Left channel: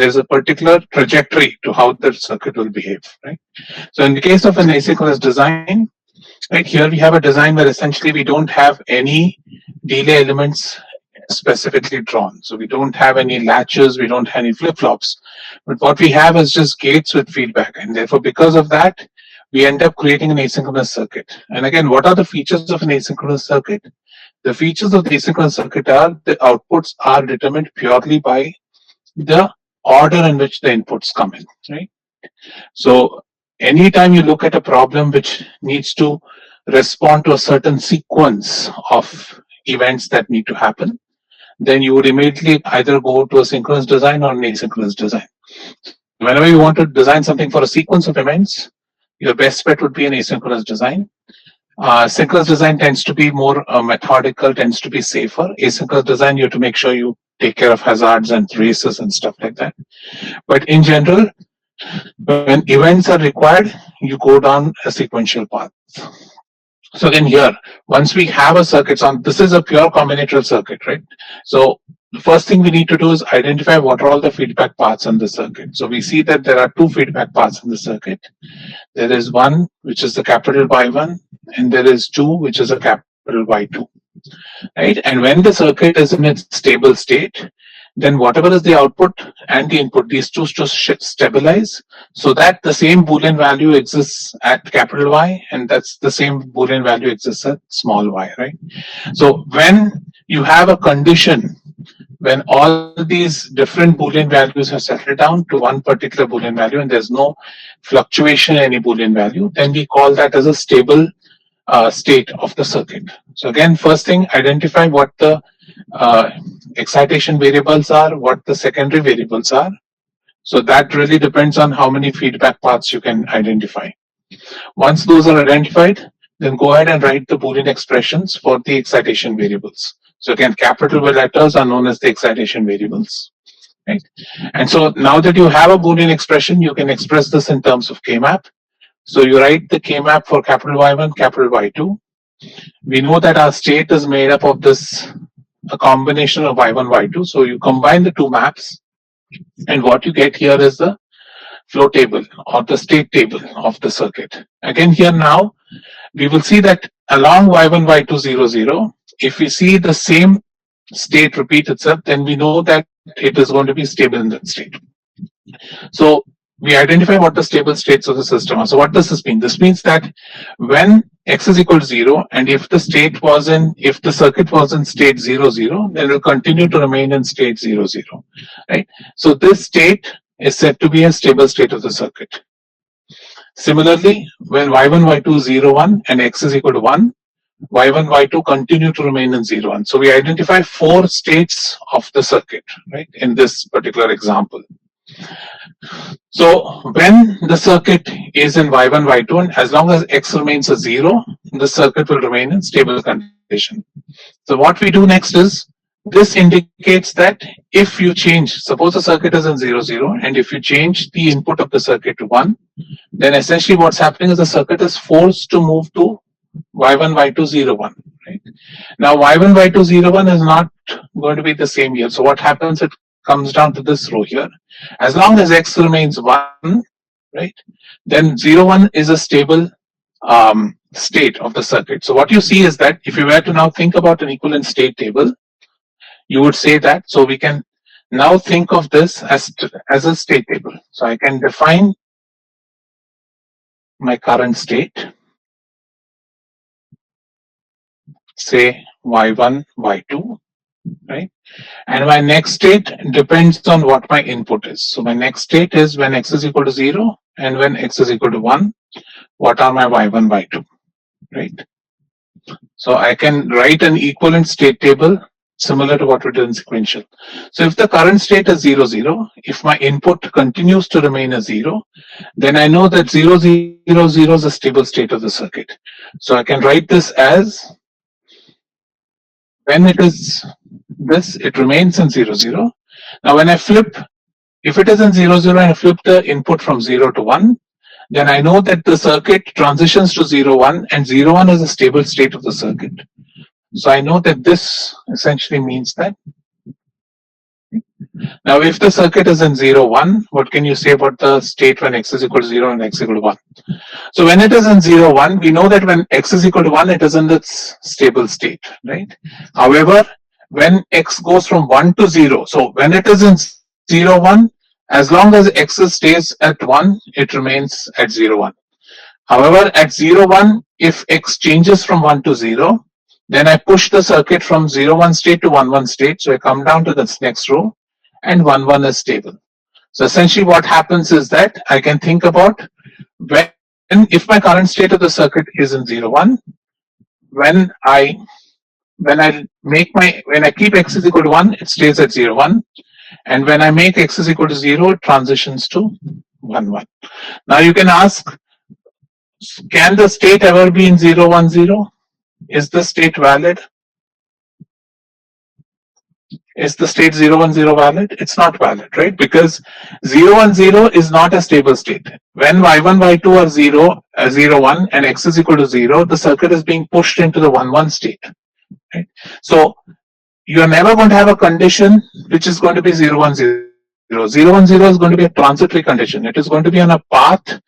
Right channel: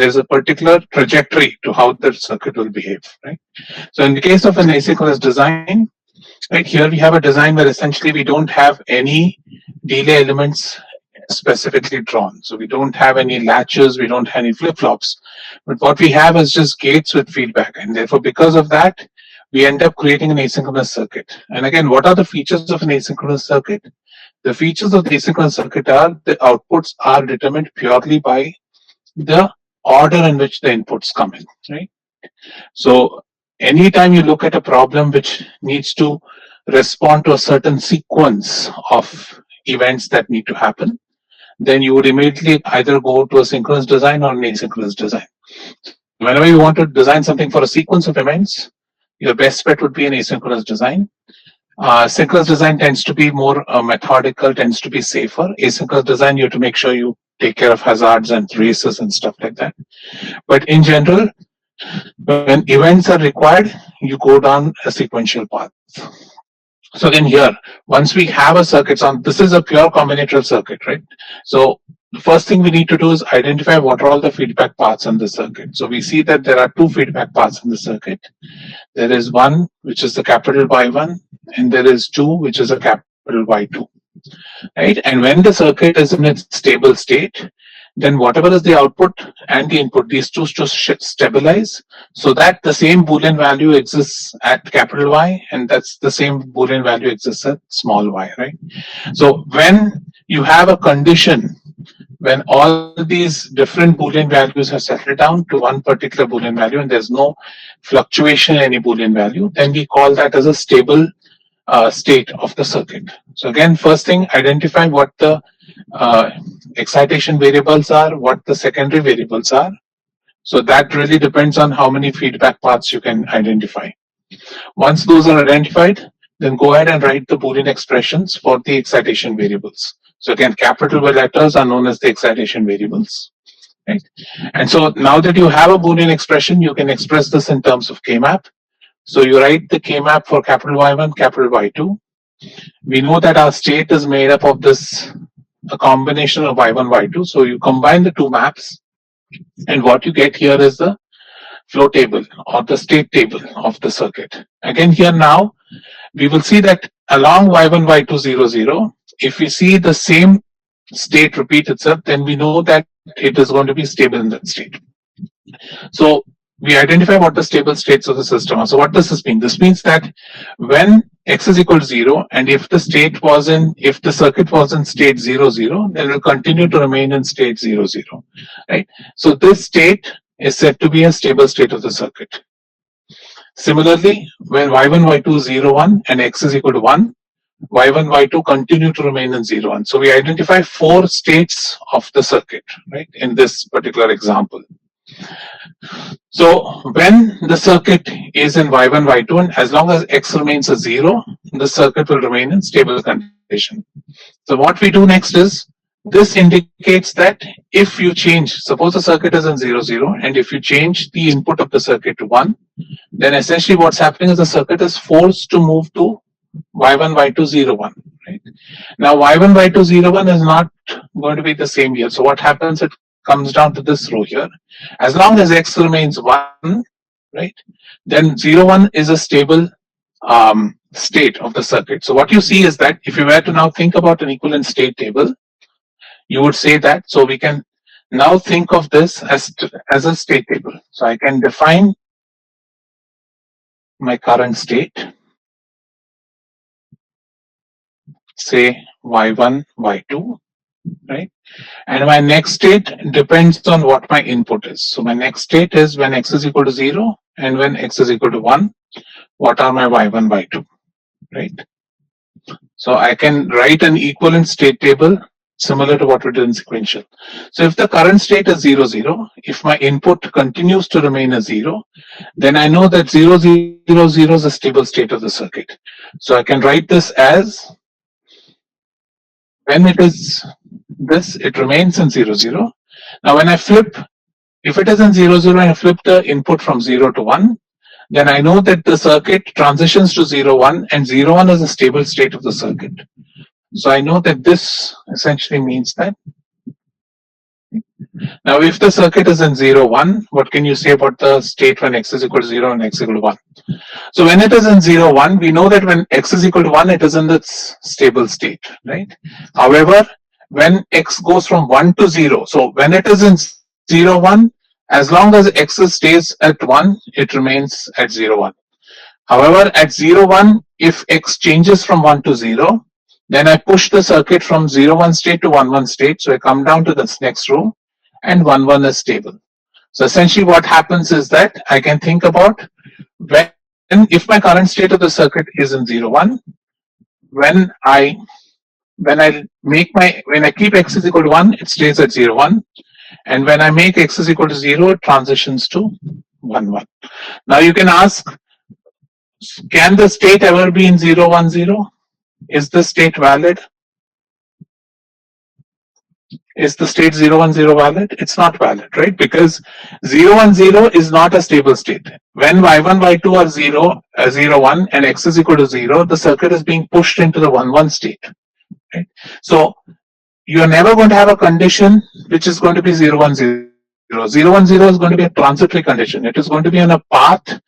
there's a particular trajectory to how the circuit will behave, right? So in the case of an asynchronous design, right, here we have a design where essentially we don't have any delay elements specifically drawn. So we don't have any latches, we don't have any flip-flops. But what we have is just gates with feedback. And therefore, because of that, we end up creating an asynchronous circuit. And again, what are the features of an asynchronous circuit? The features of the asynchronous circuit are the outputs are determined purely by the order in which the inputs come in, right? So anytime you look at a problem which needs to respond to a certain sequence of events that need to happen, then you would immediately either go to a synchronous design or an asynchronous design. Whenever you want to design something for a sequence of events, your best bet would be an asynchronous design. Synchronous design tends to be more methodical, tends to be safer. Asynchronous design, you have to make sure you take care of hazards and races and stuff like that. But in general, when events are required, you go down a sequential path. So again here, once we have a circuit on, this is a pure combinatorial circuit, right? So the first thing we need to do is identify what are all the feedback paths in the circuit. So we see that there are two feedback paths in the circuit. There is one, which is the capital Y1, and there is two, which is a capital Y2, right? And when the circuit is in its stable state, then whatever is the output and the input, these two just stabilize so that the same Boolean value exists at capital Y, and that's the same Boolean value exists at small y, right? So when you have a condition when all these different Boolean values have settled down to one particular Boolean value and there's no fluctuation in any Boolean value, then we call that as a stable state of the circuit. So again, first thing, identify what the excitation variables are, what the secondary variables are. So that really depends on how many feedback paths you can identify. Once those are identified, then go ahead and write the Boolean expressions for the excitation variables. So again, capital letters are known as the excitation variables, right? And so now that you have a Boolean expression, you can express this in terms of K-map. So you write the K-map for capital Y1, capital Y2. We know that our state is made up of a combination of Y1, Y2. So you combine the two maps, and what you get here is the flow table or the state table of the circuit. Again, here now, we will see that along Y1, Y2, 0, 0, if we see the same state repeat itself, then we know that it is going to be stable in that state. So we identify what the stable states of the system are. So what does this mean? This means that when x is equal to 0, and if the circuit was in state 0, 0, then it will continue to remain in state 0, 0, right? So this state is said to be a stable state of the circuit. Similarly, when y1, y2 0, 1 and x is equal to 1, y1, y2 continue to remain in 0, 1. So we identify 4 states of the circuit, right, in this particular example. So when the circuit is in y1, y2, and as long as x remains a 0, the circuit will remain in stable condition. So what we do next is, this indicates that if you change, suppose the circuit is in 0, 0, and if you change the input of the circuit to 1, then essentially what's happening is the circuit is forced to move to y1, y2, 0, 1, right? Now y1, y2, 0, 1 is not going to be the same here. So what happens, it comes down to this row here. As long as x remains 1, right, then 0, 1 is a stable state of the circuit. So what you see is that if you were to now think about an equivalent state table, you would say that, so we can now think of this as a state table. So I can define my current state, say y1, y2, right? And my next state depends on what my input is. So my next state is when x is equal to 0 and when x is equal to 1, what are my y1, y2, right? So I can write an equivalent state table similar to what we did in sequential. So if the current state is 0, 0, if my input continues to remain as 0, then I know that 0, 0, 0 is a stable state of the circuit. So I can write this as, when it is this, it remains in 0, 0. Now when I flip, if it is in 0, 0 and I flip the input from 0 to 1, then I know that the circuit transitions to 0, 1, and 0, 1 is a stable state of the circuit. So I know that this essentially means that Now, if the circuit is in 0, 1, what can you say about the state when x is equal to 0 and x equal to 1? So when it is in 0, 1, we know that when x is equal to 1, it is in its stable state, right? However, when x goes from 1 to 0, so when it is in 0, 1, as long as x stays at 1, it remains at 0, 1. However, at 0, 1, if x changes from 1 to 0, then I push the circuit from 0, 1 state to 1, 1 state. So I come down to this next row and 1, 1 is stable. So essentially what happens is that I can think about when, if my current state of the circuit is in 0, 1, when I when I keep x is equal to 1, it stays at 0, 1. And when I make x is equal to 0, it transitions to 1, 1. Now you can ask, can the state ever be in 0, 1, 0? Is the state valid? Is the state 0, 1, 0 valid? It's not valid, right? Because 0, 1, 0 is not a stable state. When y1, y2 are 0, 0, 1 and x is equal to 0, the circuit is being pushed into the 1, 1 state. Right? So you are never going to have a condition which is going to be 0, 1, 0. 0, 1, 0 is going to be a transitory condition. It is going to be on a path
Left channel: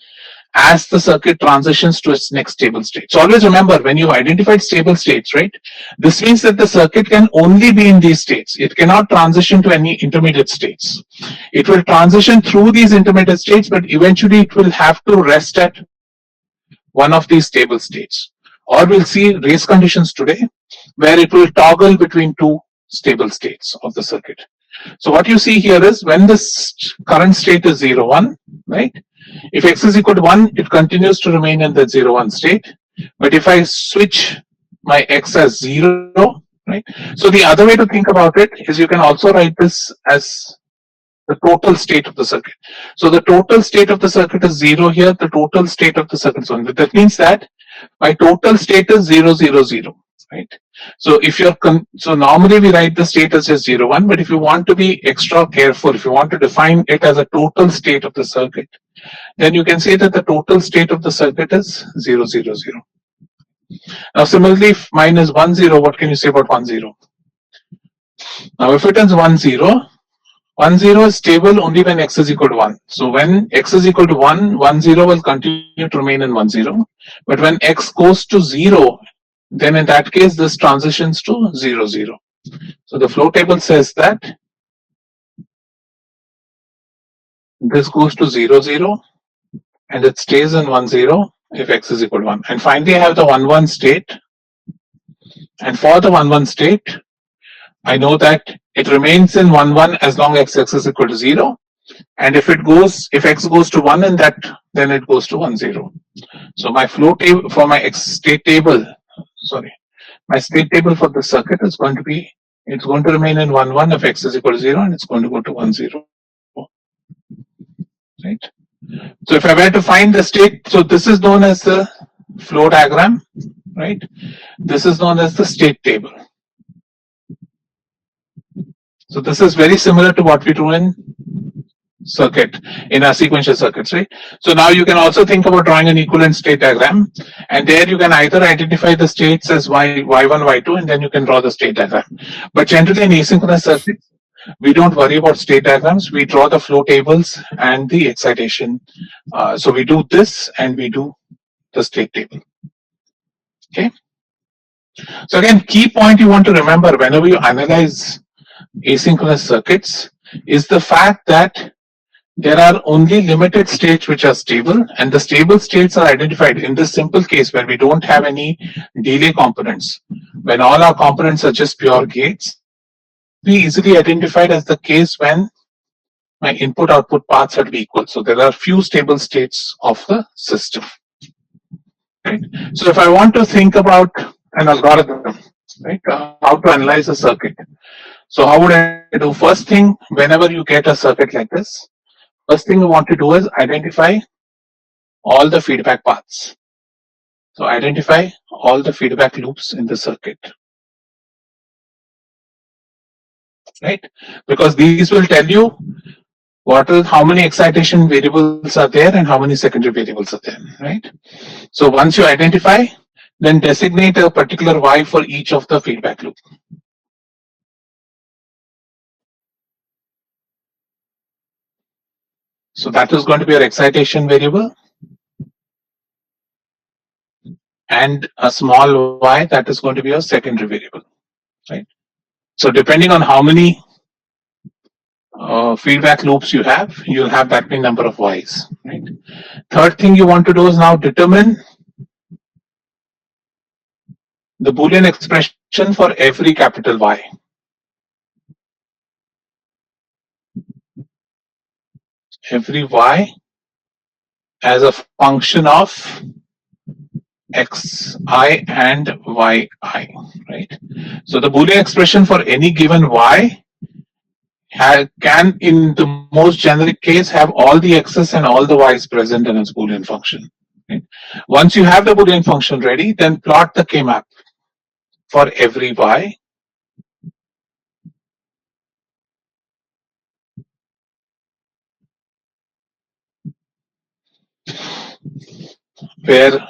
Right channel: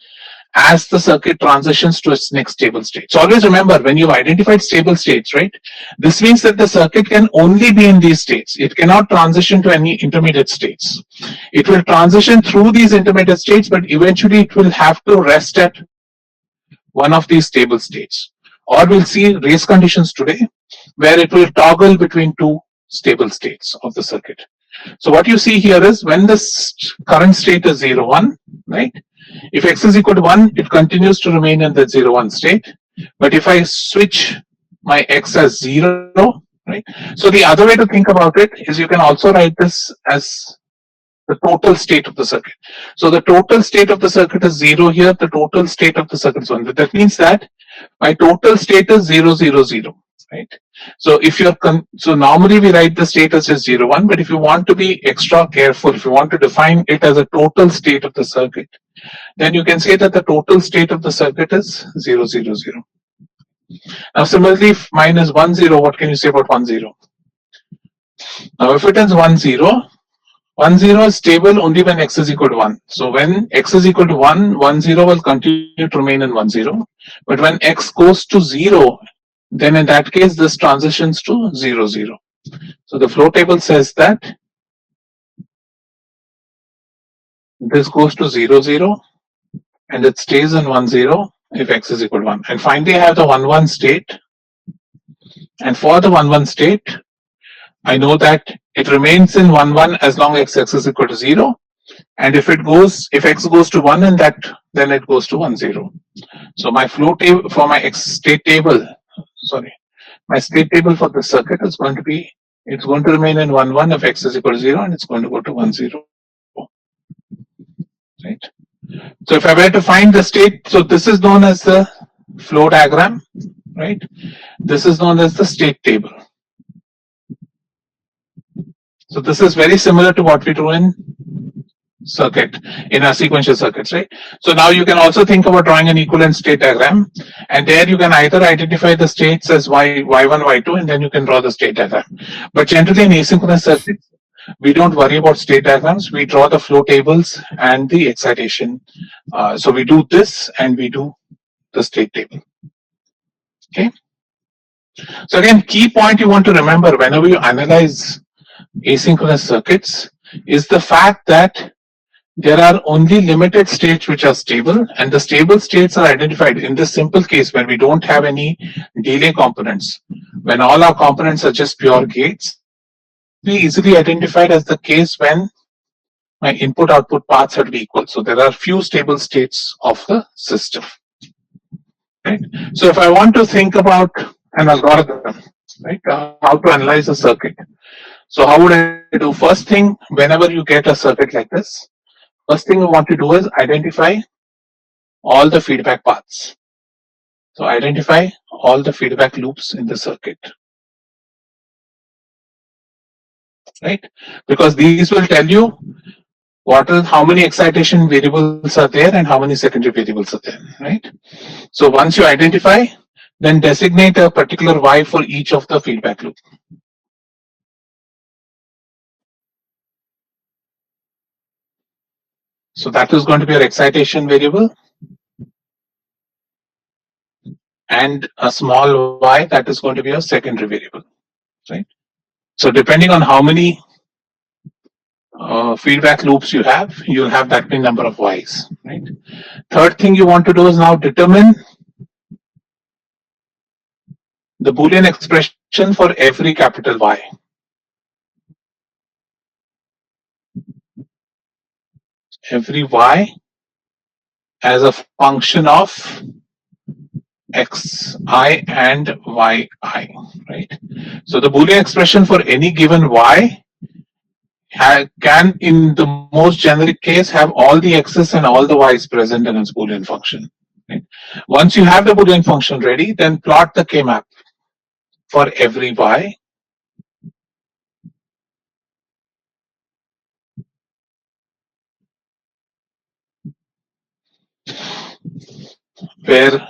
as the circuit transitions to its next stable state. So always remember, when you've identified stable states, right, this means that the circuit can only be in these states. It cannot transition to any intermediate states. It will transition through these intermediate states, but eventually it will have to rest at one of these stable states. Or we'll see race conditions today, where it will toggle between two stable states of the circuit. So what you see here is when the current state is 0, 1, right? If x is equal to 1, it continues to remain in the 0, 1 state. But if I switch my x as 0, right? So the other way to think about it is you can also write this as the total state of the circuit. So the total state of the circuit is 0 here, the total state of the circuit is 1. But that means that my total state is 0, 0, 0, right? So if you're so normally we write the state as just 0, 1, but if you want to be extra careful, if you want to define it as a total state of the circuit, then you can say that the total state of the circuit is 0, 0, 0. Now similarly, if mine is 1, 0, what can you say about 1, 0? Now if it is 1, 0, 1, 0 is stable only when x is equal to 1. So when x is equal to 1, 1, 0 will continue to remain in 1, 0. But when x goes to 0, then in that case, this transitions to 0, 0. So the flow table says that this goes to 0, 0, and it stays in 1, 0 if x is equal to 1. And finally, I have the 1, 1 state. And for the 1, 1 state, I know that it remains in 1, 1 as long as x is equal to 0. And if x goes to 1 in that, then it goes to 1, 0. So my flow table for my state table, my state table for the circuit is going to be, it's going to remain in 1, 1 if x is equal to 0, and it's going to go to 1, 0. Right. So if I were to find the state, so this is known as the flow diagram, right? This is known as the state table. So this is very similar to what we do in our sequential circuits, right? So now you can also think about drawing an equivalent state diagram, and there you can either identify the states as y1, y2, and then you can draw the state diagram. But generally in asynchronous circuits, we don't worry about state diagrams. We draw the flow tables and the excitation. So we do this and we do the state table. Okay. So again, key point you want to remember whenever you analyze asynchronous circuits is the fact that there are only limited states which are stable, and the stable states are identified in this simple case when we don't have any delay components. When all our components are just pure gates, be easily identified as the case when my input output paths are to be equal. So there are few stable states of the system. Right? So if I want to think about an algorithm, right, how to analyze a circuit. So how would I do? First thing, whenever you get a circuit like this, first thing you want to do is identify all the feedback paths. So identify all the feedback loops in the circuit. Right? Because these will tell you how many excitation variables are there and how many secondary variables are there, right? So once you identify, then designate a particular Y for each of the feedback loop. So that is going to be your excitation variable, and a small y, that is going to be your secondary variable, right? So depending on how many feedback loops you have, you'll have that many number of y's, right? Third thing you want to do is now determine the Boolean expression for every capital Y. Every Y as a function of xi and yi, right? So the Boolean expression for any given Y can, in the most generic case, have all the x's and all the y's present in its Boolean function. Right? Once you have the Boolean function ready, then plot the K-map for every Y where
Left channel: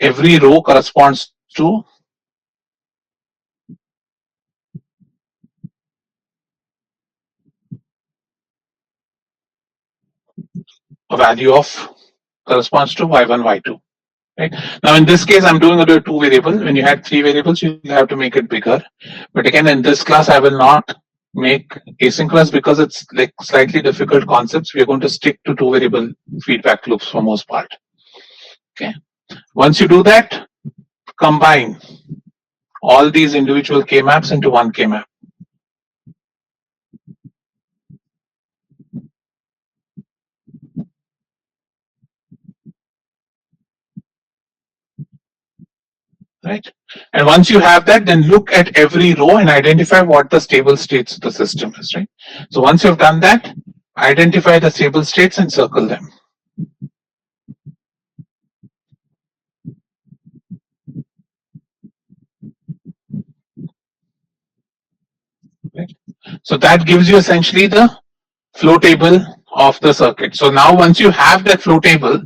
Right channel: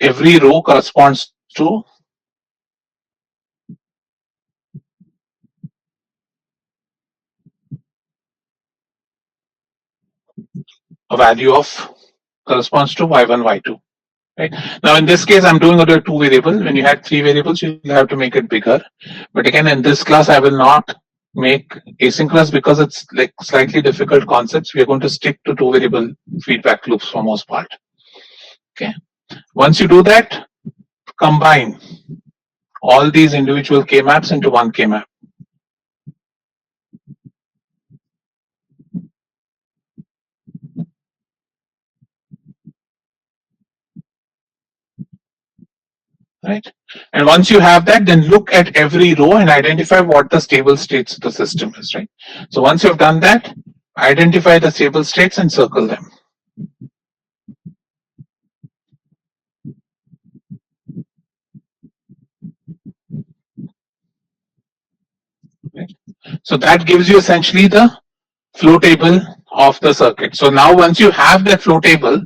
every row corresponds to a value of corresponds to y1, y2. Right? Now, in this case, I'm doing it a two variable. When you had three variables, you have to make it bigger. But again, in this class, I will not make asynchronous because it's like slightly difficult concepts. We are going to stick to two variable feedback loops for most part. Okay. Once you do that, combine all these individual K maps into one K map. Right? And once you have that, then look at every row and identify what the stable states of the system is, right? So once you've done that, identify the stable states and circle them. Right? So that gives you essentially the flow table of the circuit. So now once you have that flow table,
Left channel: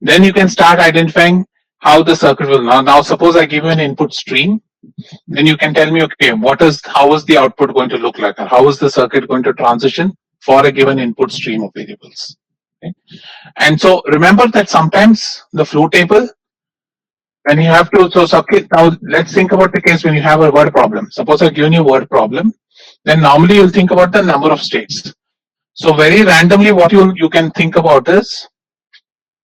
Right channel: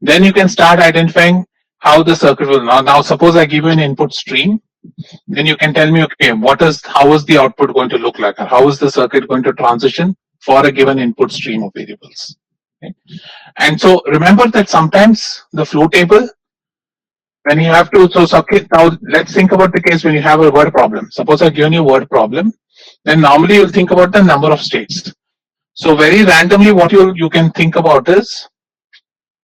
then you can start identifying how the circuit will now suppose I give you an input stream, then you can tell me, okay, how is the output going to look like? Or how is the circuit going to transition for a given input stream of variables? Okay. And so remember that sometimes the flow table, when you have to, so circuit, now let's think about the case when you have a word problem. Suppose I've given you a word problem, then normally you'll think about the number of states. So very randomly, what you can think about is,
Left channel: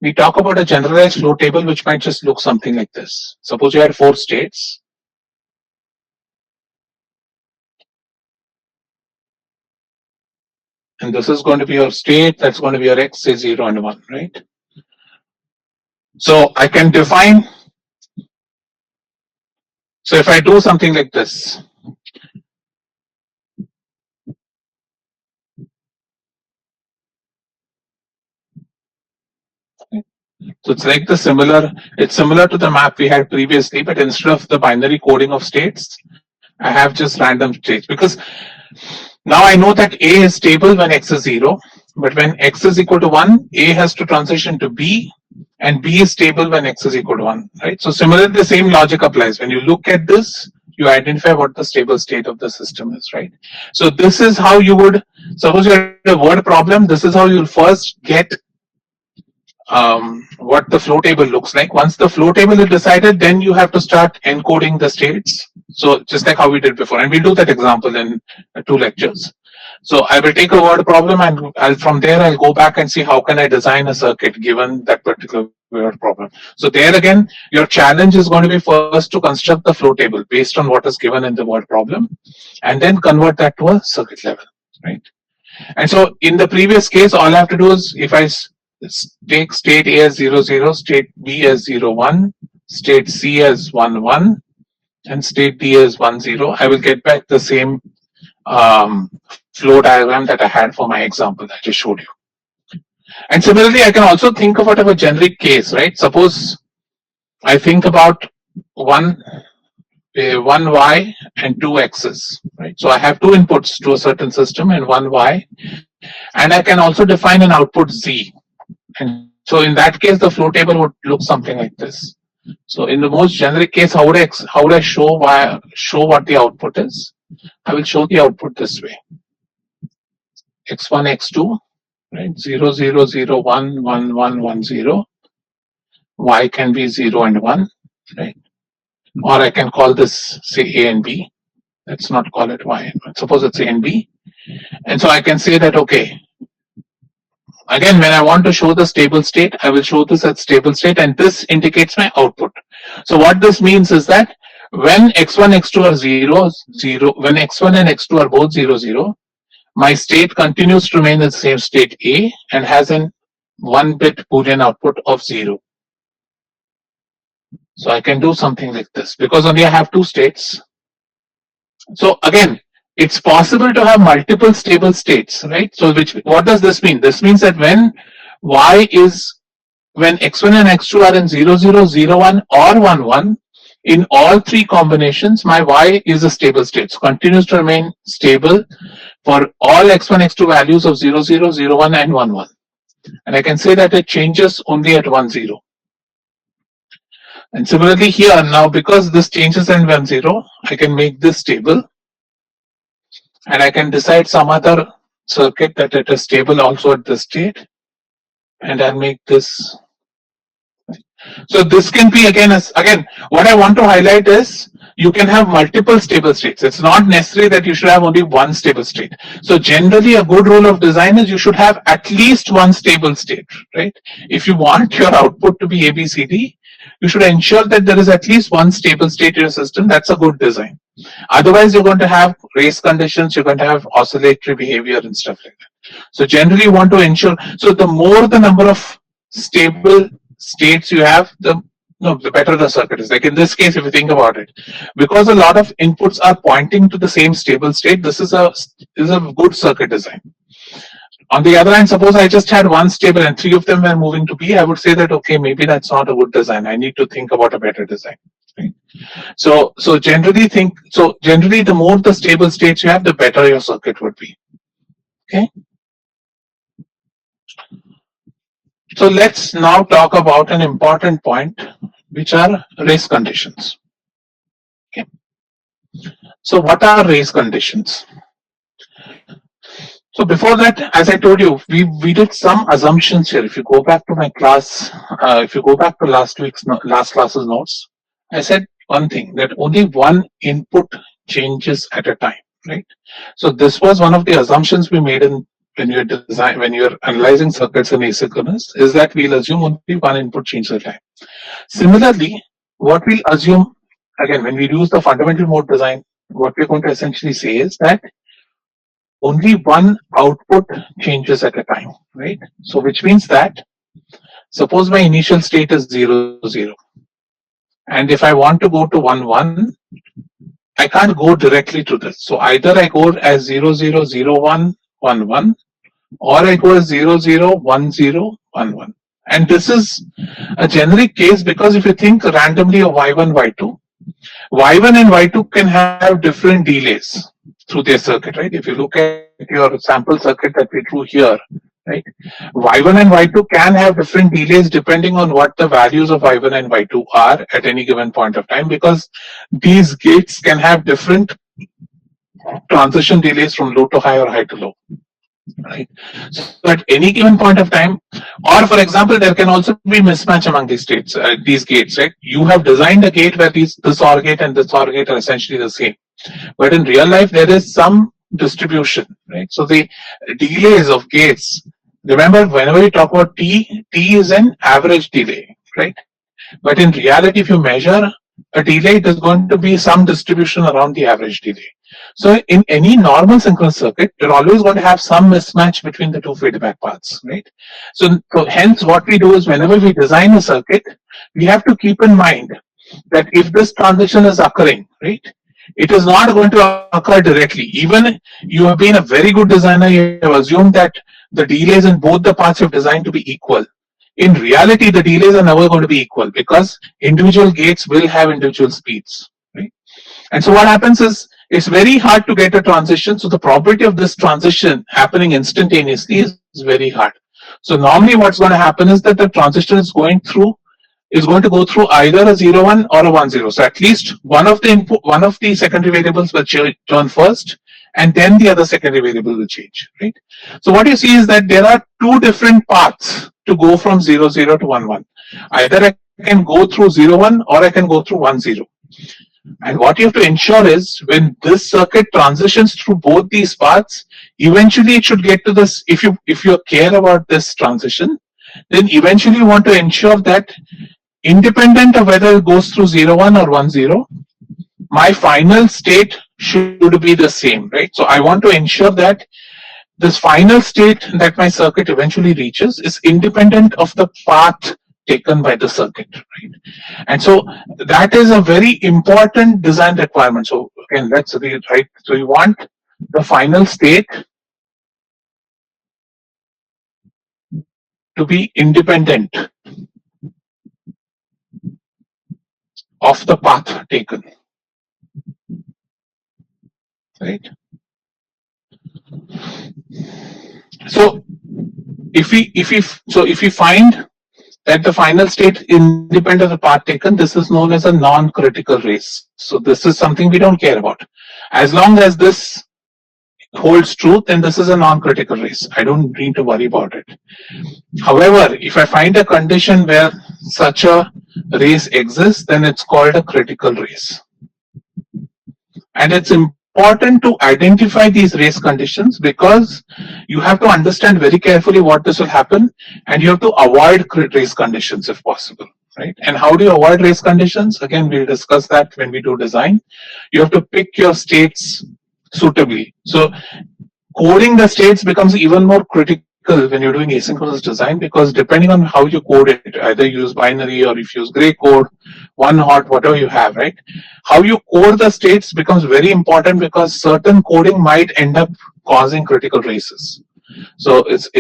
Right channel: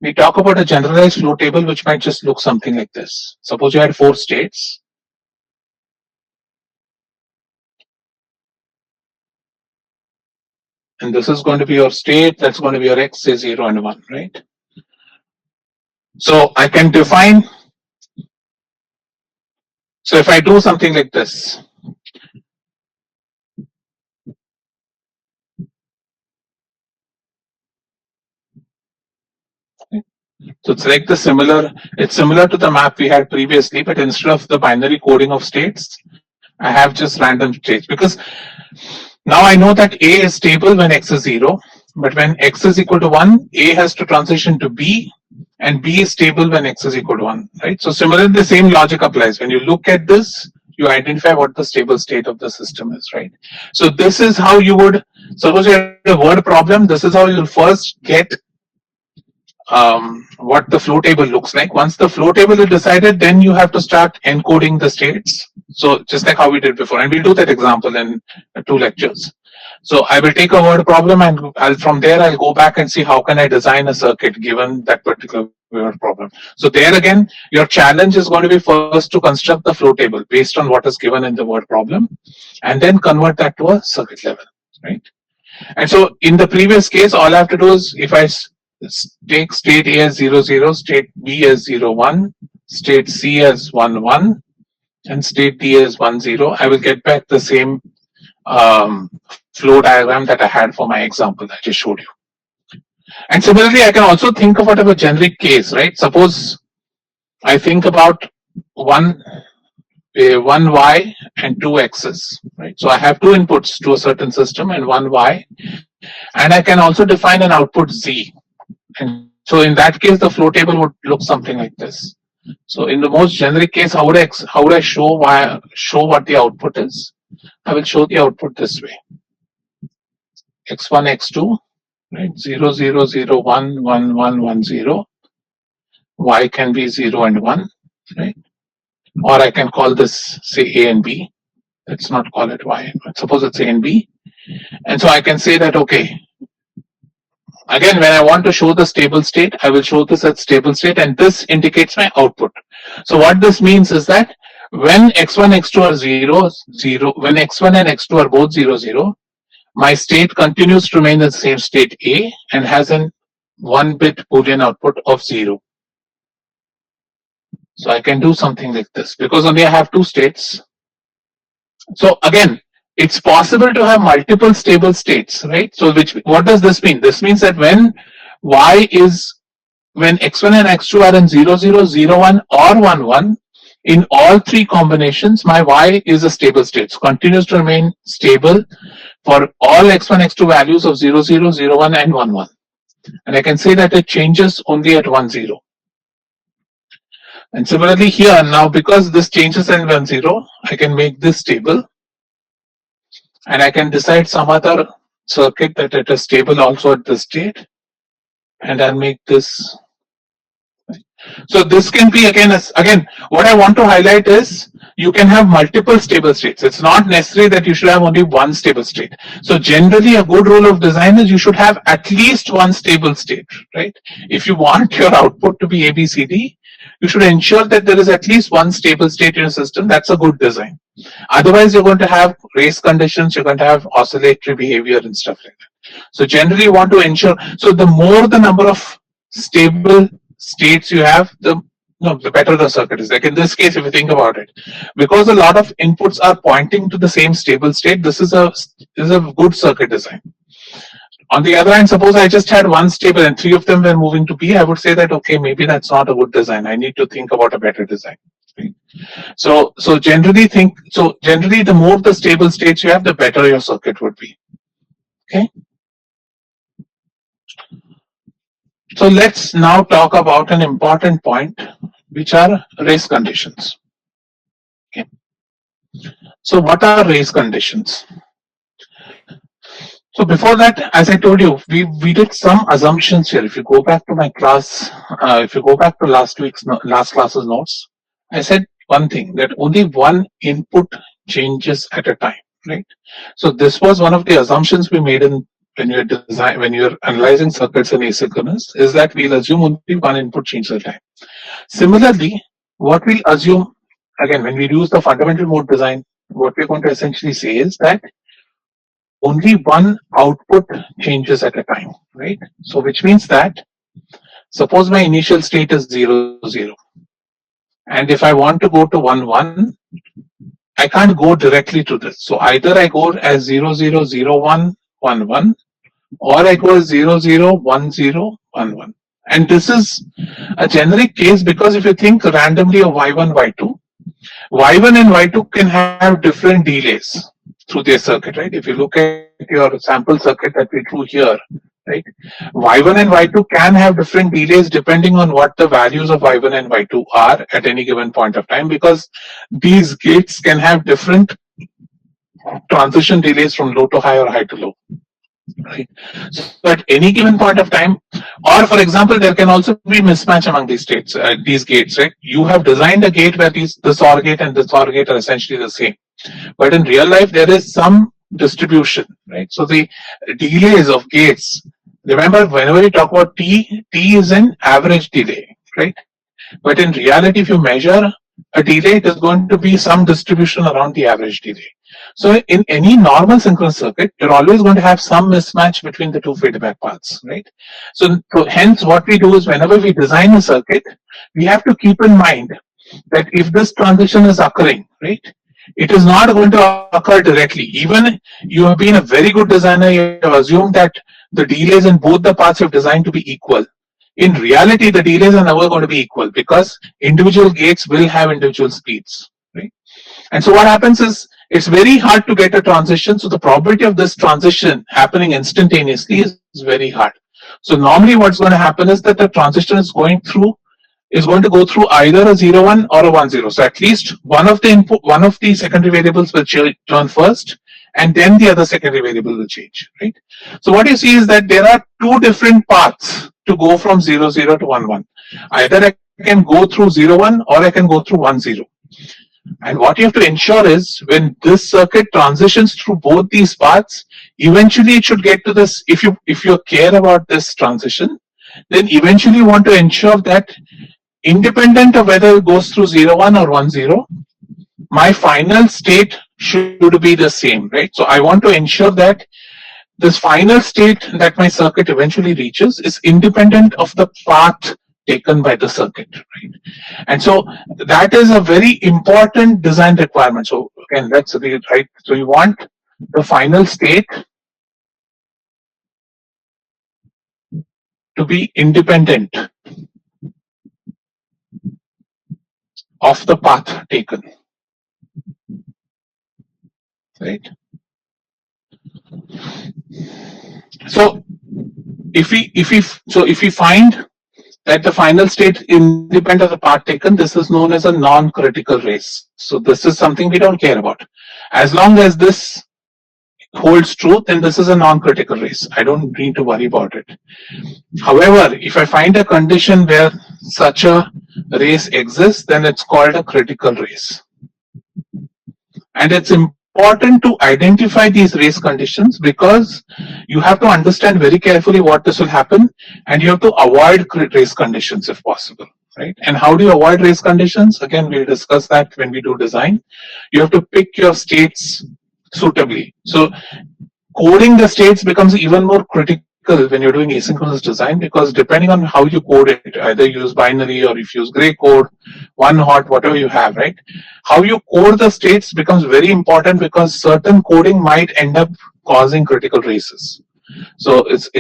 we talk about a generalized flow table which might just look something like this. Suppose you had 4 states. And this is going to be your state, that's going to be your x, say 0 and 1, right? So I can define, so if I do something like this, so it's like it's similar to the map we had previously, but instead of the binary coding of states, I have just random states, because now I know that A is stable when x is 0, but when x is equal to 1, A has to transition to B, and B is stable when x is equal to 1, right? So similarly, the same logic applies. When you look at this, you identify what the stable state of the system is, right? So this is how you would, suppose you have a word problem, this is how you'll first get what the flow table looks like. Once the flow table is decided, then you have to start encoding the states. So just like how we did before, and we'll do that example in 2 lectures. So I will take a word problem, and from there I'll go back and see how can I design a circuit given that particular word problem. So there again, your challenge is going to be first to construct the flow table based on what is given in the word problem, and then convert that to a circuit level, right? And so in the previous case, all I have to do is, if I take state A as 0, 0, state B as 0, 1, state C as 1, 1, and state D as 1, 0, I will get back the same flow diagram that I had for my example I just showed you. And similarly, I can also think about a generic case, right? Suppose I think about one y and 2 x's, right? So I have 2 inputs to a certain system and 1 y, and I can also define an output z. And so in that case, the flow table would look something like this. So in the most generic case, how would I show what the output is? I will show the output this way: x1, x2, right? 0, 0, 0, 1, 1, 1, 1, 0. Y can be 0 and 1, right? Or I can call this, say, A and B. Let's not call it Y. Suppose it's A and B. And so I can say that, okay, again, when I want to show the stable state, I will show this as stable state, and this indicates my output. So what this means is that when x1, x2 are 0, 0, when x1 and x2 are both 0, 0, my state continues to remain in the same state A and has an 1-bit Boolean output of 0. So I can do something like this because only I have two states. So again, it's possible to have multiple stable states, right? So what does this mean? This means that when x1 and x2 are in 0, 0, 0, 1 or 1, 1, in all three combinations, my y is a stable state. So continues to remain stable for all x1, x2 values of 0, 0, 0, 1 and 1, 1. And I can say that it changes only at 1, 0. And similarly here, now because this changes at 1, 0, I can make this stable. And I can decide some other circuit that it is stable also at this state. And I'll make this. So this can be again, what I want to highlight is you can have multiple stable states. It's not necessary that you should have only one stable state. So generally a good rule of design is you should have at least one stable state, right? If you want your output to be ABCD, you should ensure that there is at least one stable state in your system. That's a good design. Otherwise, you're going to have race conditions, you're going to have oscillatory behavior and stuff like that. So generally you want to ensure, so the more the number of stable states you have, the better the circuit is. Like in this case, if you think about it, because a lot of inputs are pointing to the same stable state, this is a good circuit design. On the other hand, suppose I just had one stable and three of them were moving to B, I would say that, okay, maybe that's not a good design. I need to think about a better design. Right? So generally the more the stable states you have, the better your circuit would be. Okay. So let's now talk about an important point, which are race conditions. Okay. So what are race conditions? So before that, as I told you, we did some assumptions here. If you go back to my class, if you go back to last class's notes, I said one thing, that only one input changes at a time, right? So this was one of the assumptions we made when you're analyzing circuits in asynchronous, is that we'll assume only one input changes at a time. Similarly, what we'll assume, again, when we use the fundamental mode design, what we're going to essentially say is that only one output changes at a time, right? So which means that suppose my initial state is 0, 0. And if I want to go to 1, 1, I can't go directly to this. So either I go as 0, 0, 0, 1, 1, 1, or I go as 0, 0, 1, 0, 1, 1. And this is a generic case because if you think randomly of Y1, Y2, Y1 and Y2 can have different delays through their circuit, right? If you look at your sample circuit that we drew here, right? Y1 and Y2 can have different delays depending on what the values of Y1 and Y2 are at any given point of time, because these gates can have different transition delays from low to high or high to low. Right. So at any given point of time, or for example, there can also be mismatch among these states, these gates, right? You have designed a gate where this OR gate and this OR gate are essentially the same, but in real life there is some distribution, right? So the delays of gates. Remember, whenever we talk about T is an average delay, right? But in reality, if you measure a delay, it is going to be some distribution around the average delay. So in any normal synchronous circuit, you're always going to have some mismatch between the two feedback paths, right? So hence what we do is whenever we design a circuit, we have to keep in mind that if this transition is occurring, right, it is not going to occur directly. Even you have been a very good designer, you have assumed that the delays in both the paths you've designed to be equal. In reality, the delays are never going to be equal because individual gates will have individual speeds, right? And so what happens is it's very hard to get a transition. So the probability of this transition happening instantaneously is very hard. So normally what's going to happen is that the transition is going to go through either a 0, 1 or a 1, 0. So at least one of the secondary variables will turn first, and then the other secondary variable will change, right? So what you see is that there are two different paths to go from 0, 0 to 1, 1. Either I can go through 0, 1 or I can go through 1, 0. And what you have to ensure is when this circuit transitions through both these paths, eventually it should get to this. If you care about this transition, then eventually you want to ensure that independent of whether it goes through 0, 1 or 1, 0, my final state should be the same, right? So I want to ensure that this final state that my circuit eventually reaches is independent of the path taken by the circuit, right? And so that is a very important design requirement. So again, let's read, right? So you want the final state to be independent of the path taken, right? So if we find that the final state independent of the path taken, this is known as a non-critical race. So this is something we don't care about. As long as this holds true, then this is a non-critical race. I don't need to worry about it. However, if I find a condition where such a race exists, then it's called a critical race. And it's important to identify these race conditions because you have to understand very carefully what this will happen, and you have to avoid race conditions if possible, right? And how do you avoid race conditions? Again, we'll discuss that when we do design. You have to pick your states suitably. So coding the states becomes even more critical when you're doing asynchronous design, because depending on how you code it, either you use binary or if you use gray code, one hot, whatever you have, right? How you code the states becomes very important because certain coding might end up causing critical races. So it's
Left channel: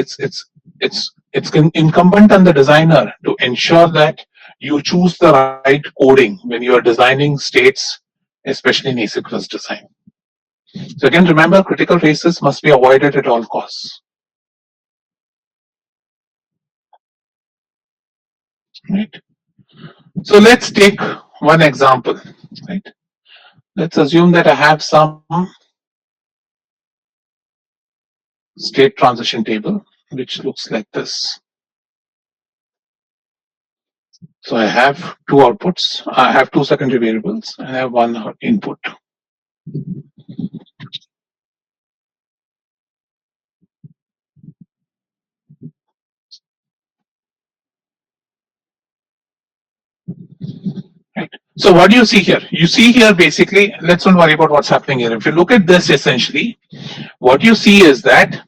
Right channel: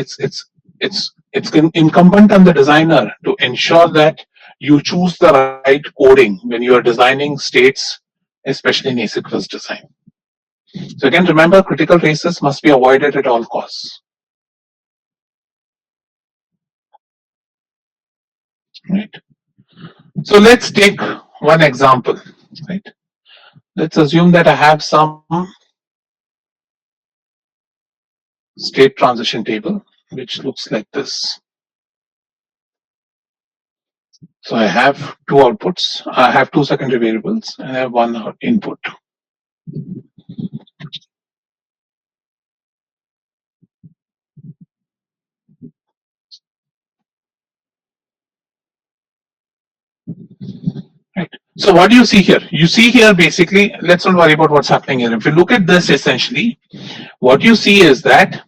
incumbent on the designer to ensure that you choose the right coding when you are designing states, especially in asynchronous design. So again, remember, critical races must be avoided at all costs. Right. So let's take one example. Right. Let's assume that I have some state transition table which looks like this. So I have two outputs. I have two secondary variables, and I have one input. Right. So what do you see here? You see here basically, let's not worry about what's happening here. If you look at this essentially, what you see is that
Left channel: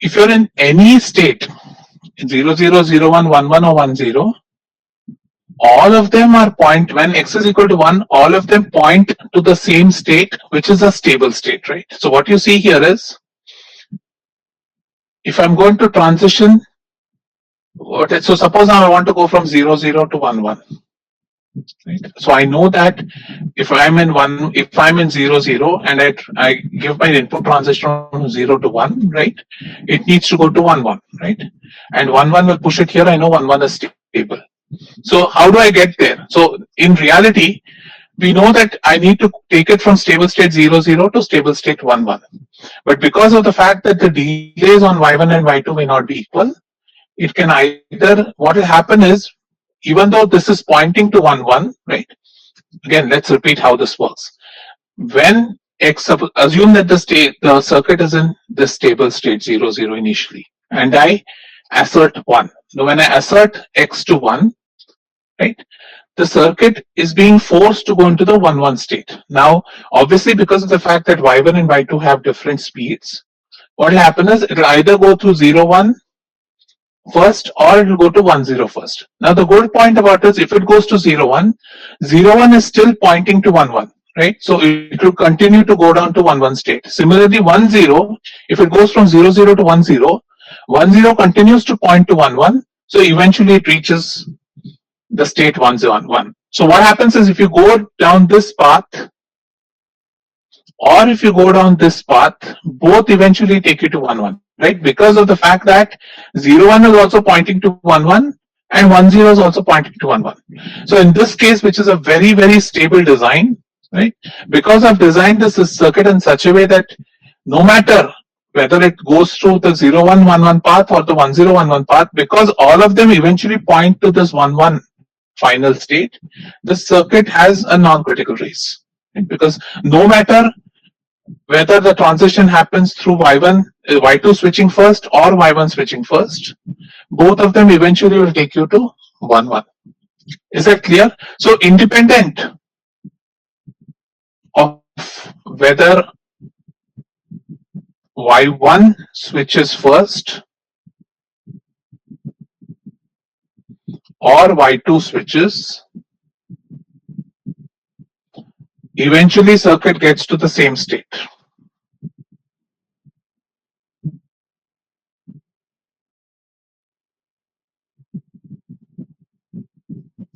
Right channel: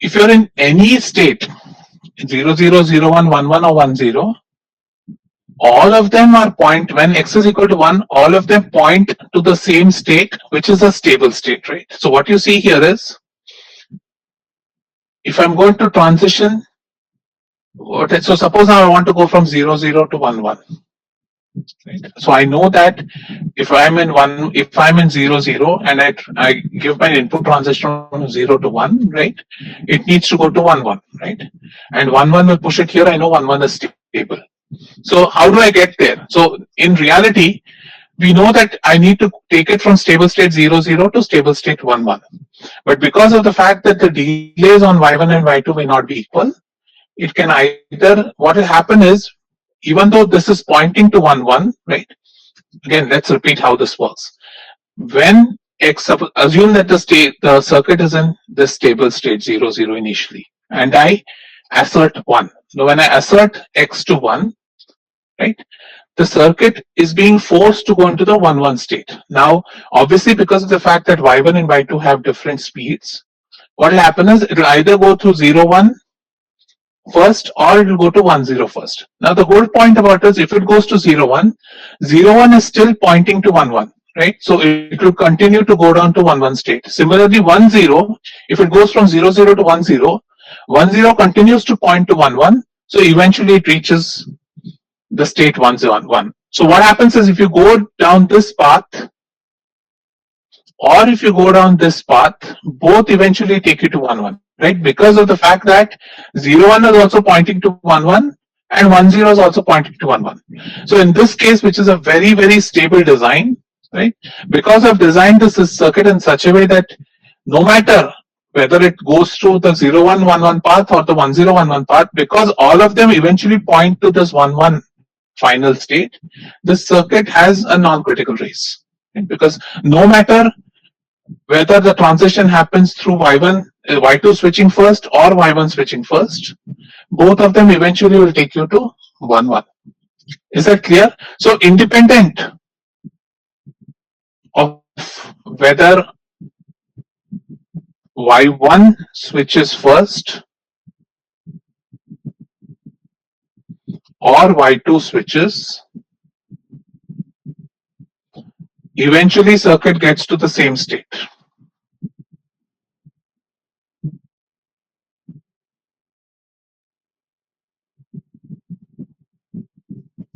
if you're in any state, 0, 0, 0, 1, 1, 1 or 1, 0, all of them are point, when x is equal to 1, all of them point to the same state, which is a stable state, right? So what you see here is, if I'm going to transition, so suppose now I want to go from 0, 0 to 1, 1. Right? So I know that if I'm in 0, 0 and I give my input transition from 0 to 1, right? It needs to go to 1, 1, right? And 1, 1 will push it here. I know 1, 1 is stable. So how do I get there? So in reality, we know that I need to take it from stable state 0, 0 to stable state 1, 1. But because of the fact that the delays on y1 and y2 may not be equal, it can either, what will happen is, even though this is pointing to 1, 1, right? Again, let's repeat how this works. When x, assume that the circuit is in this stable state 0, 0 initially, and I assert 1. So when I assert x to 1, right, the circuit is being forced to go into the 1, 1 state. Now, obviously, because of the fact that y1 and y2 have different speeds, what will happen is it will either go through 0, 1 first or it will go to 1, 0 first. Now, the good point about is if it goes to 0, 1, 0, 1 is still pointing to 1, 1. Right? So it will continue to go down to 1, 1 state. Similarly, 1, 0, if it goes from 0, 0 to 1, 0, 1, 0 continues to point to 1, 1. So eventually it reaches the state 1, 0, 1. So what happens is if you go down this path or if you go down this path, both eventually take you to 1, 1. Right? Because of the fact that 0, 1 is also pointing to 1, 1 and 1, 0 is also pointing to 1, 1. So in this case, which is a very, very stable design, right? Because I've designed this circuit in such a way that no matter whether it goes through the 0111 path or the 1011 path, because all of them eventually point to this 11 final state, this circuit has a non-critical race. Right? Because no matter whether the transition happens through Y2 switching first or Y1 switching first, both of them eventually will take you to 1-1. Is that clear? So independent of whether Y1 switches first or Y2 switches, eventually circuit gets to the same state.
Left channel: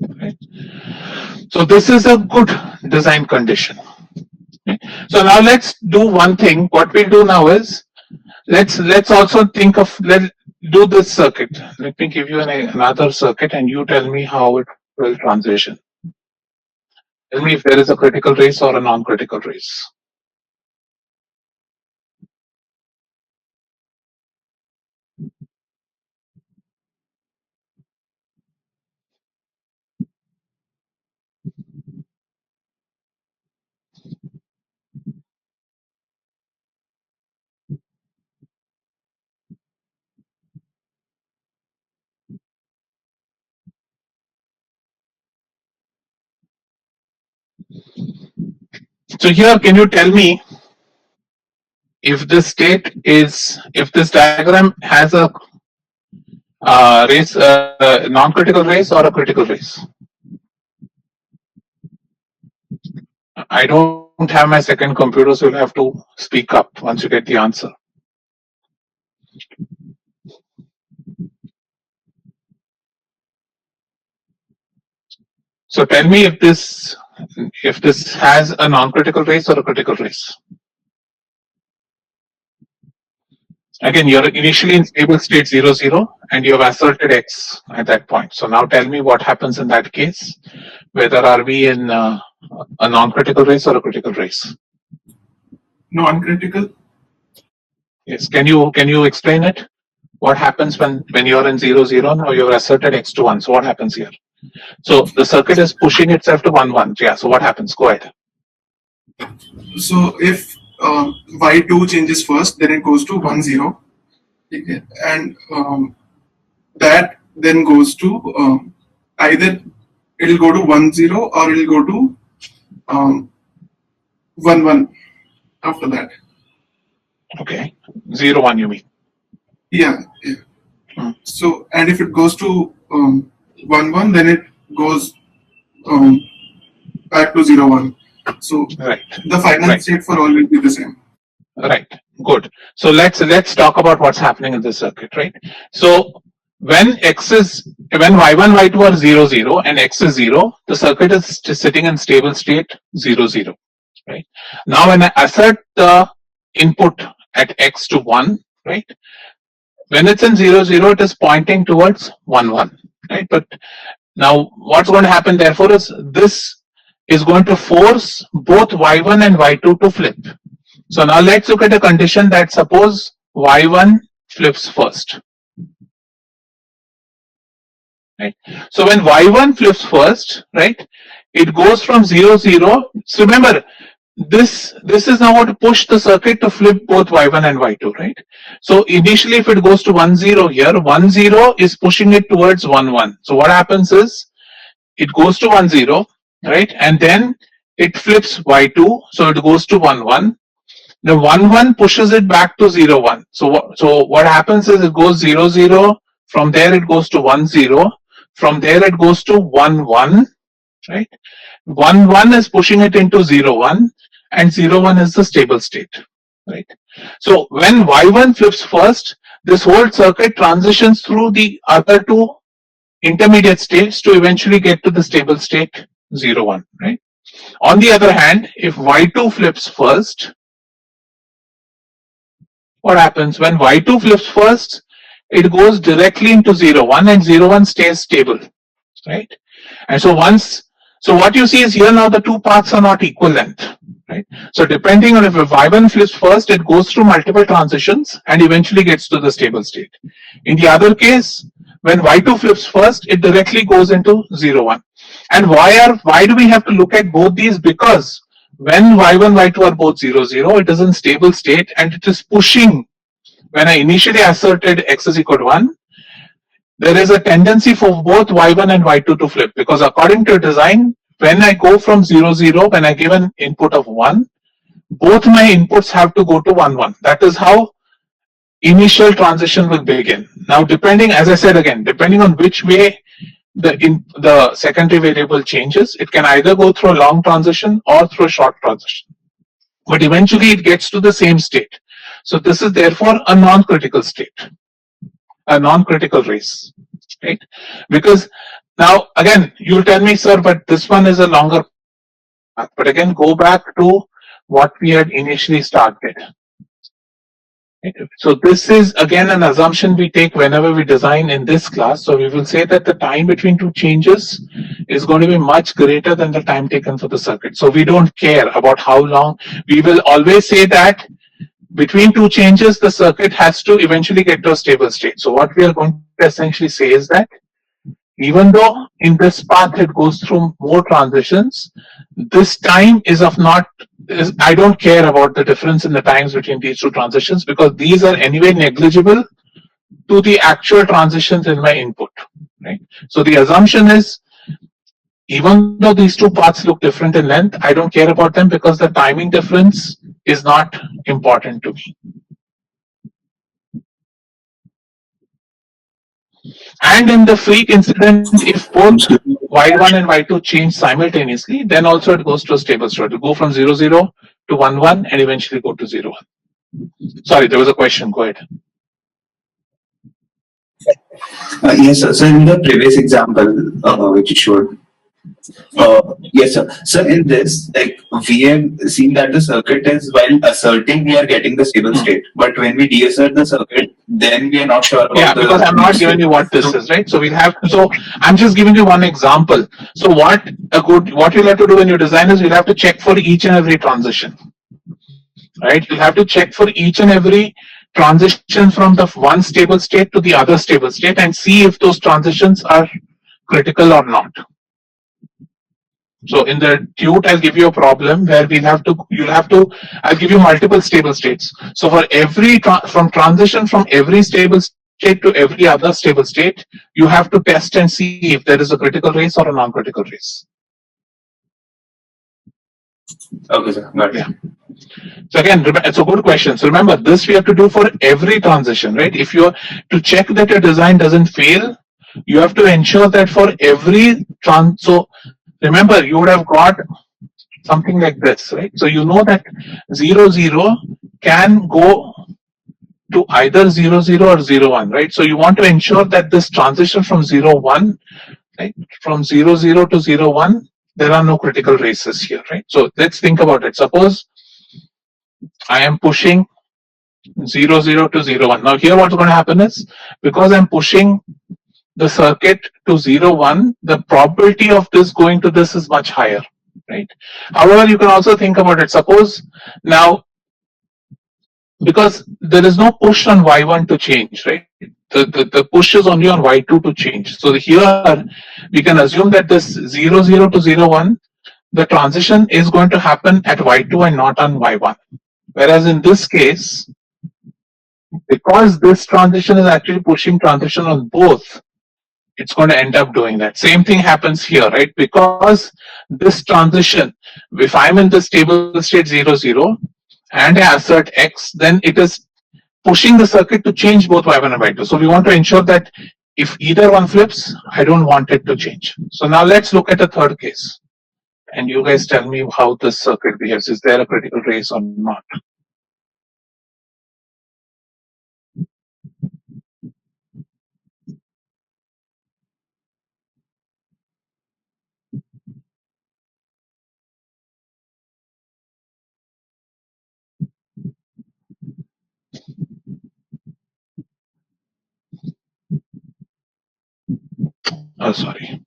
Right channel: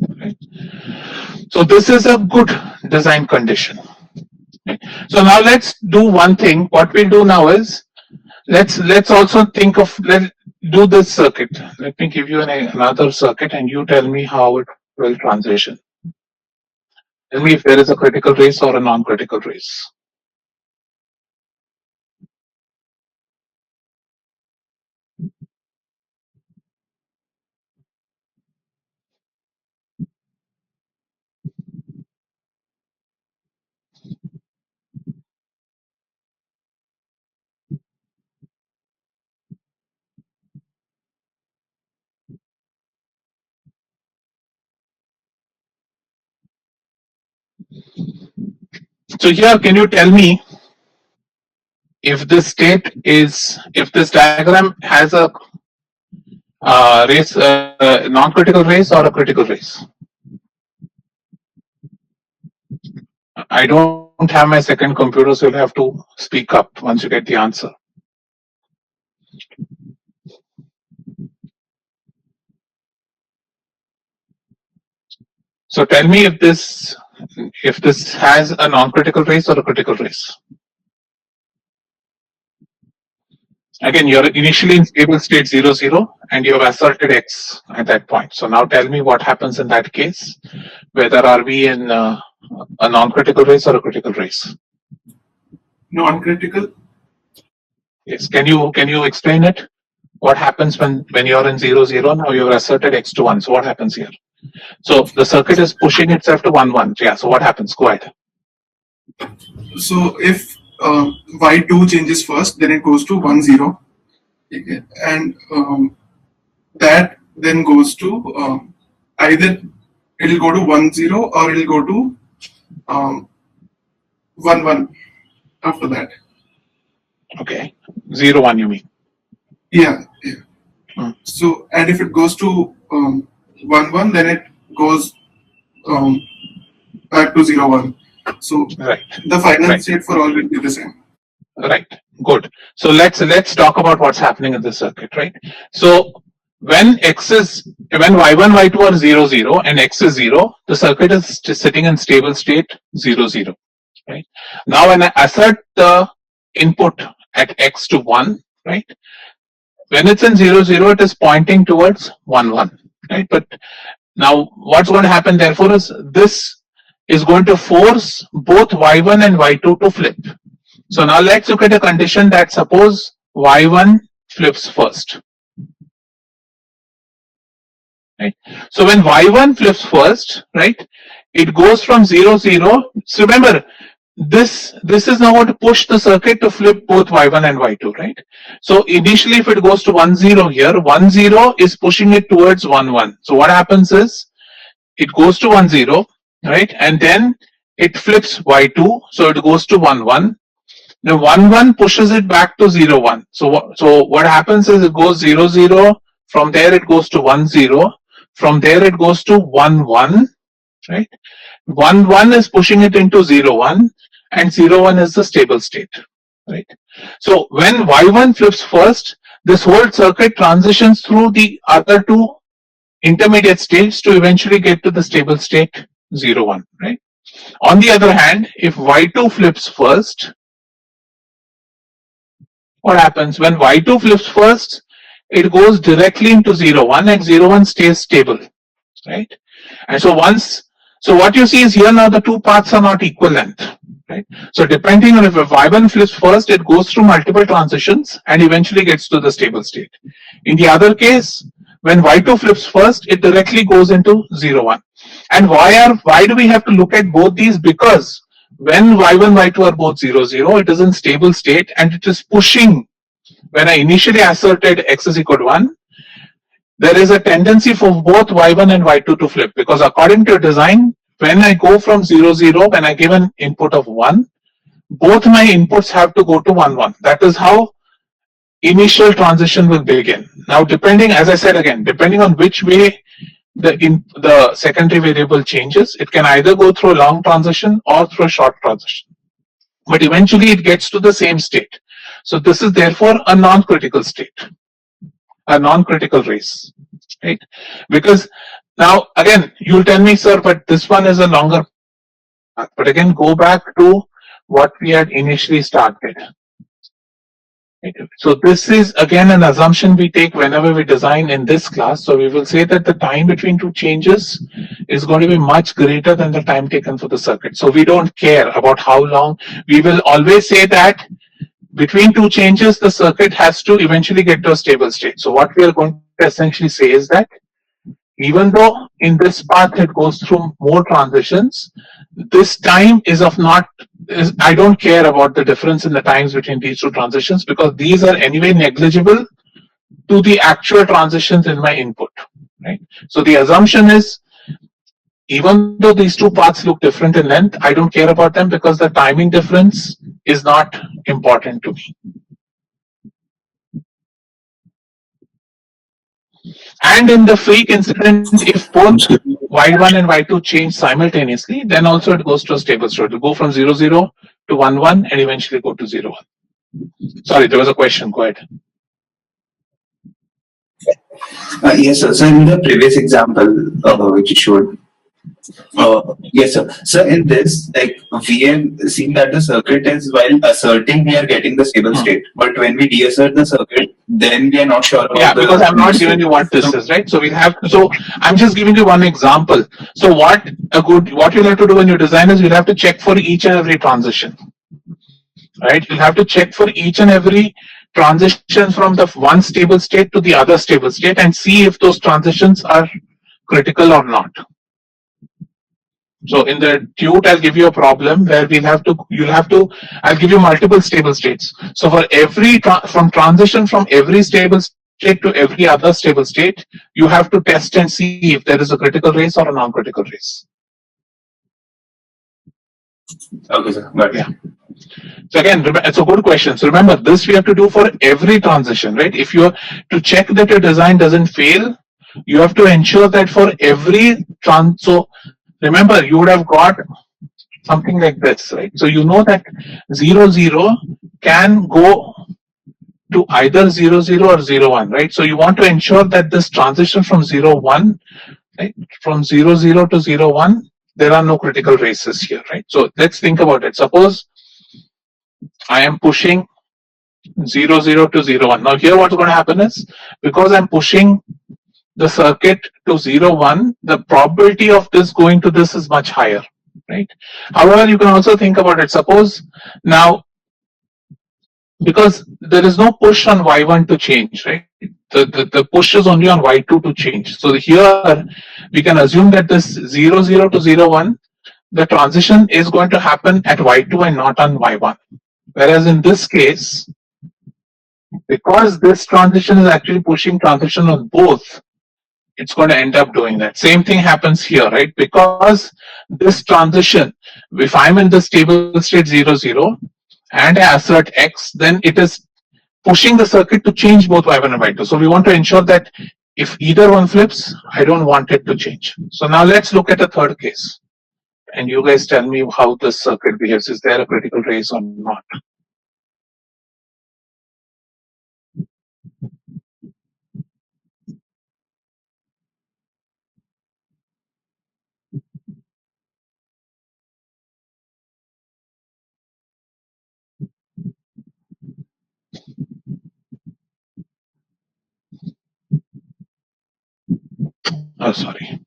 Right? So this is a good design condition. Okay. So now let's do one thing. What we'll do now is let's also think of do this circuit. Let me give you another circuit and you tell me how it will transition. Tell me if there is a critical race or a non-critical race. So here, can you tell me if this diagram has a race, non-critical race or a critical race? I don't have my second computer, so you'll have to speak up once you get the answer. So tell me if this has a non-critical race or a critical race. Again, you're initially in stable state 0, 0, and you have asserted X at that point. So now tell me what happens in that case. Whether are we in a non-critical race or a critical race? Non-critical. Yes. Can you explain it? What happens when you're in 0, 0? Now you've asserted X to 1. So what happens here? So the circuit is pushing itself to 1, 1. Yeah. So what happens? Go ahead. So if Y2 changes first, then it goes to 1, 0. Okay. And that then goes to either it'll go to 1, 0 or it'll go to 1, 1 after that. Okay. 0, 1 you mean? Yeah. So, and if it goes to 1, 1, then it goes back to 0, 1. So right. The final state for all will be the same. Right. Good. So let's talk about what's happening in this circuit, right? So when Y1, Y2 are 0, 0 and X is 0, the circuit is just sitting in stable state 0, 0. Right. Now when I assert the input at X to 1, right? When it's in 0, 0, it is pointing towards 1, 1. Right. But now what's going to happen therefore is this is going to force both Y1 and Y2 to flip. So now let's look at a condition that suppose Y1 flips first. Right. So when Y1 flips first, right, it goes from 0, 0. So remember, this is now going to push the circuit to flip both Y1 and Y2, right? So initially if it goes to 1, 0 here, 1, 0 is pushing it towards 1, 1. So what happens is it goes to 1, 0, right? And then it flips Y2, so it goes to 1, 1. Now 1, 1 pushes it back to 0, 1. So what happens is it goes 0, 0. From there it goes to 1, 0. From there it goes to 1, 1. Right? 1, 1 is pushing it into 0, 1. And 0, 1 is the stable state. Right? So when Y1 flips first, this whole circuit transitions through the other two intermediate states to eventually get to the stable state 0, 1. Right? On the other hand, if Y2 flips first, what happens when Y2 flips first? It goes directly into 0, 1 and 0, 1 stays stable, right? And so once So what you see is here now the two paths are not equal length. Right? So depending on if y1 flips first, it goes through multiple transitions and eventually gets to the stable state. In the other case, when y2 flips first, it directly goes into 0, 1. And why do we have to look at both these? Because when y1, y2 are both 0, 0, it is in stable state and it is pushing. When I initially asserted x is equal to 1, there is a tendency for both y1 and y2 to flip, because according to design, when I go from 0, 0, when I give an input of 1, both my inputs have to go to 1, 1. That is how initial transition will begin. Now, depending, as I said again, depending on which way the secondary variable changes, it can either go through a long transition or through a short transition. But eventually it gets to the same state. So this is therefore a non-critical state, a non-critical race, right? Because now again, you'll tell me, sir, but this one is a longer path. But again, go back to what we had initially started. So this is again an assumption we take whenever we design in this class. So we will say that the time between two changes is going to be much greater than the time taken for the circuit. So we don't care about how long. We will always say that between two changes, the circuit has to eventually get to a stable state. So what we are going to essentially say is that even though in this path it goes through more transitions, this time is of not, I don't care about the difference in the times between these two transitions, because these are anyway negligible to the actual transitions in my input, right? So the assumption is, even though these two paths look different in length, I don't care about them because the timing difference is not important to me. And in the freak incident, if both y1 and y2 change simultaneously, then also it goes to a stable state. It will go from 0, 0 to 1, 1 and eventually go to 0, 1. Sorry, there was a question. Go ahead. Yes, sir. So in the previous example, which you showed, yes, sir. So in this, like we have seen that the circuit is, while asserting, we are getting the stable state, but when we deassert the circuit, then we are not sure about Yeah, because I'm not giving you what this is, right? So we have. So I'm just giving you one example. So what you'll have to do when you design is you'll have to check for each and every transition, right? You'll have to check for each and every transition from the one stable state to the other stable state and see if those transitions are critical or not. So in the tute, I'll give you a problem where I'll give you multiple stable states. So for every from transition from every stable state to every other stable state, you have to test and see if there is a critical race or a non-critical race. Okay, sir. Got it. Yeah. So again, it's a good question. So remember, this we have to do for every transition, right? If you to check that your design doesn't fail, you have to ensure that for every so remember, you would have got something like this, right? So you know that 0, 0 can go to either 0, 0 or 0, 1, right? So you want to ensure that this transition from 0, 1, right? From 0, 0 to 0, 1, there are no critical races here, right? So let's think about it. Suppose I am pushing 0, 0 to 0, 1. Now here what's going to happen is, because I'm pushing the circuit to 0, 1, the probability of this going to this is much higher, right? However, you can also think about it. Suppose now, because there is no push on y1 to change, right? The push is only on y2 to change. So here we can assume that this 0, 0 to 0, 1, the transition is going to happen at y2 and not on y1. Whereas in this case, because this transition is actually pushing transition on both, it's going to end up doing that. Same thing happens here, right? Because this transition, if I'm in the stable state 0, 0 and I assert x, then it is pushing the circuit to change both y1 and y2. So we want to ensure that if either one flips, I don't want it to change. So now let's look at a third case. And you guys tell me how this circuit behaves. Is there a critical race or not? Oh, sorry.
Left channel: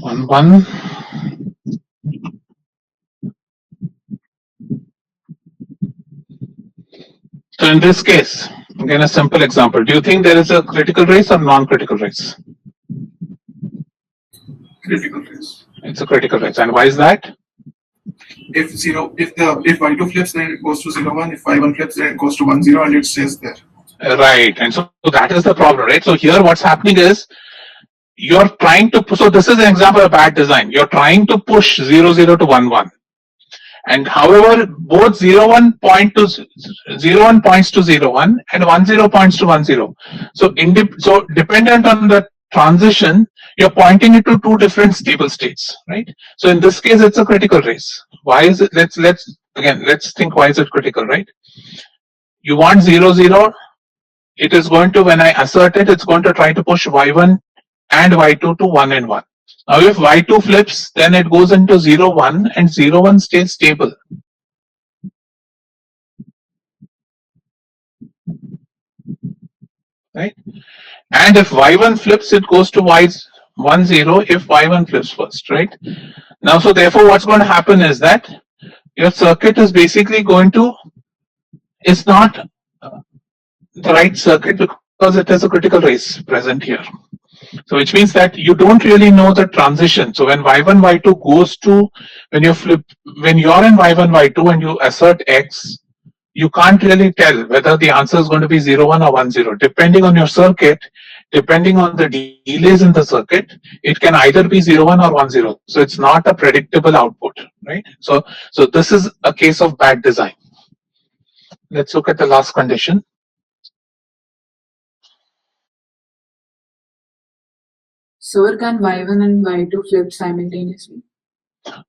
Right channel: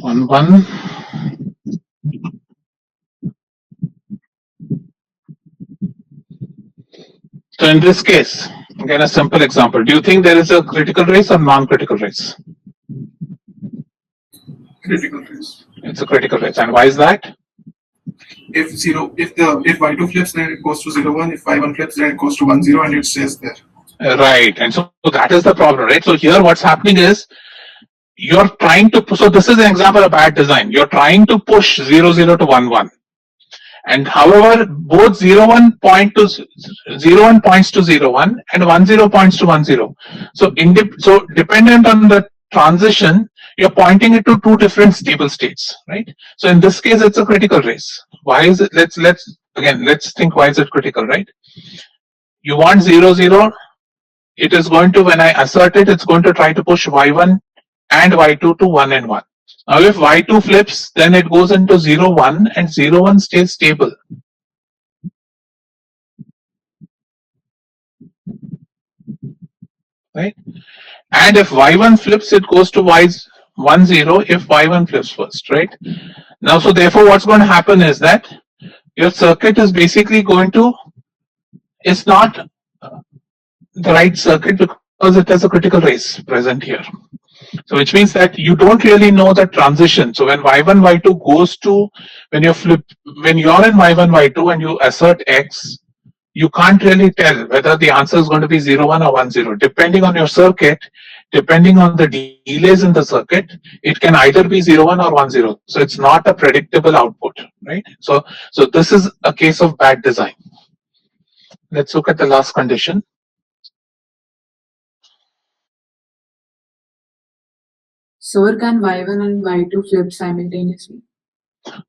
1 1. So in this case, again a simple example. Do you think there is a critical race or non-critical race? Critical race. It's a critical race, and why is that? If y2 flips, then it goes to 0 1. If y1 flips, then it goes to 1 0, and it stays there. Right, and so that is the problem, right? So here, what's happening is you're trying to. So this is an example of bad design. You're trying to push 0 0 to 1 1. And however, both 0 1 point to 0 1 points to 0 1 and 1 0 points to 1 0. So dependent on the transition, you're pointing it to two different stable states, right? So in this case, it's a critical race. Why is it? Let's think why is it critical, right? You want 0 0. It is going to, when I assert it, it's going to try to push y1 and y2 to 1 and 1. Now if y2 flips, then it goes into 0 1 and 0 1 stays stable. Right? And if y1 flips, it goes to y1 0 if y1 flips first, right? Now, so therefore what's going to happen is that your circuit is basically going to, it's not the right circuit because it has a critical race present here. So which means that you don't really know the transition. So when y1, y2 goes to, when you're in y1, y2 and you assert x, you can't really tell whether the answer is going to be 0 1 or 1 0. Depending on your circuit, depending on the delays in the circuit, it can either be 0 1 or 1 0. So it's not a predictable output, right? So this is a case of bad design. Let's look at the last condition. So can y1 and y2 flip simultaneously?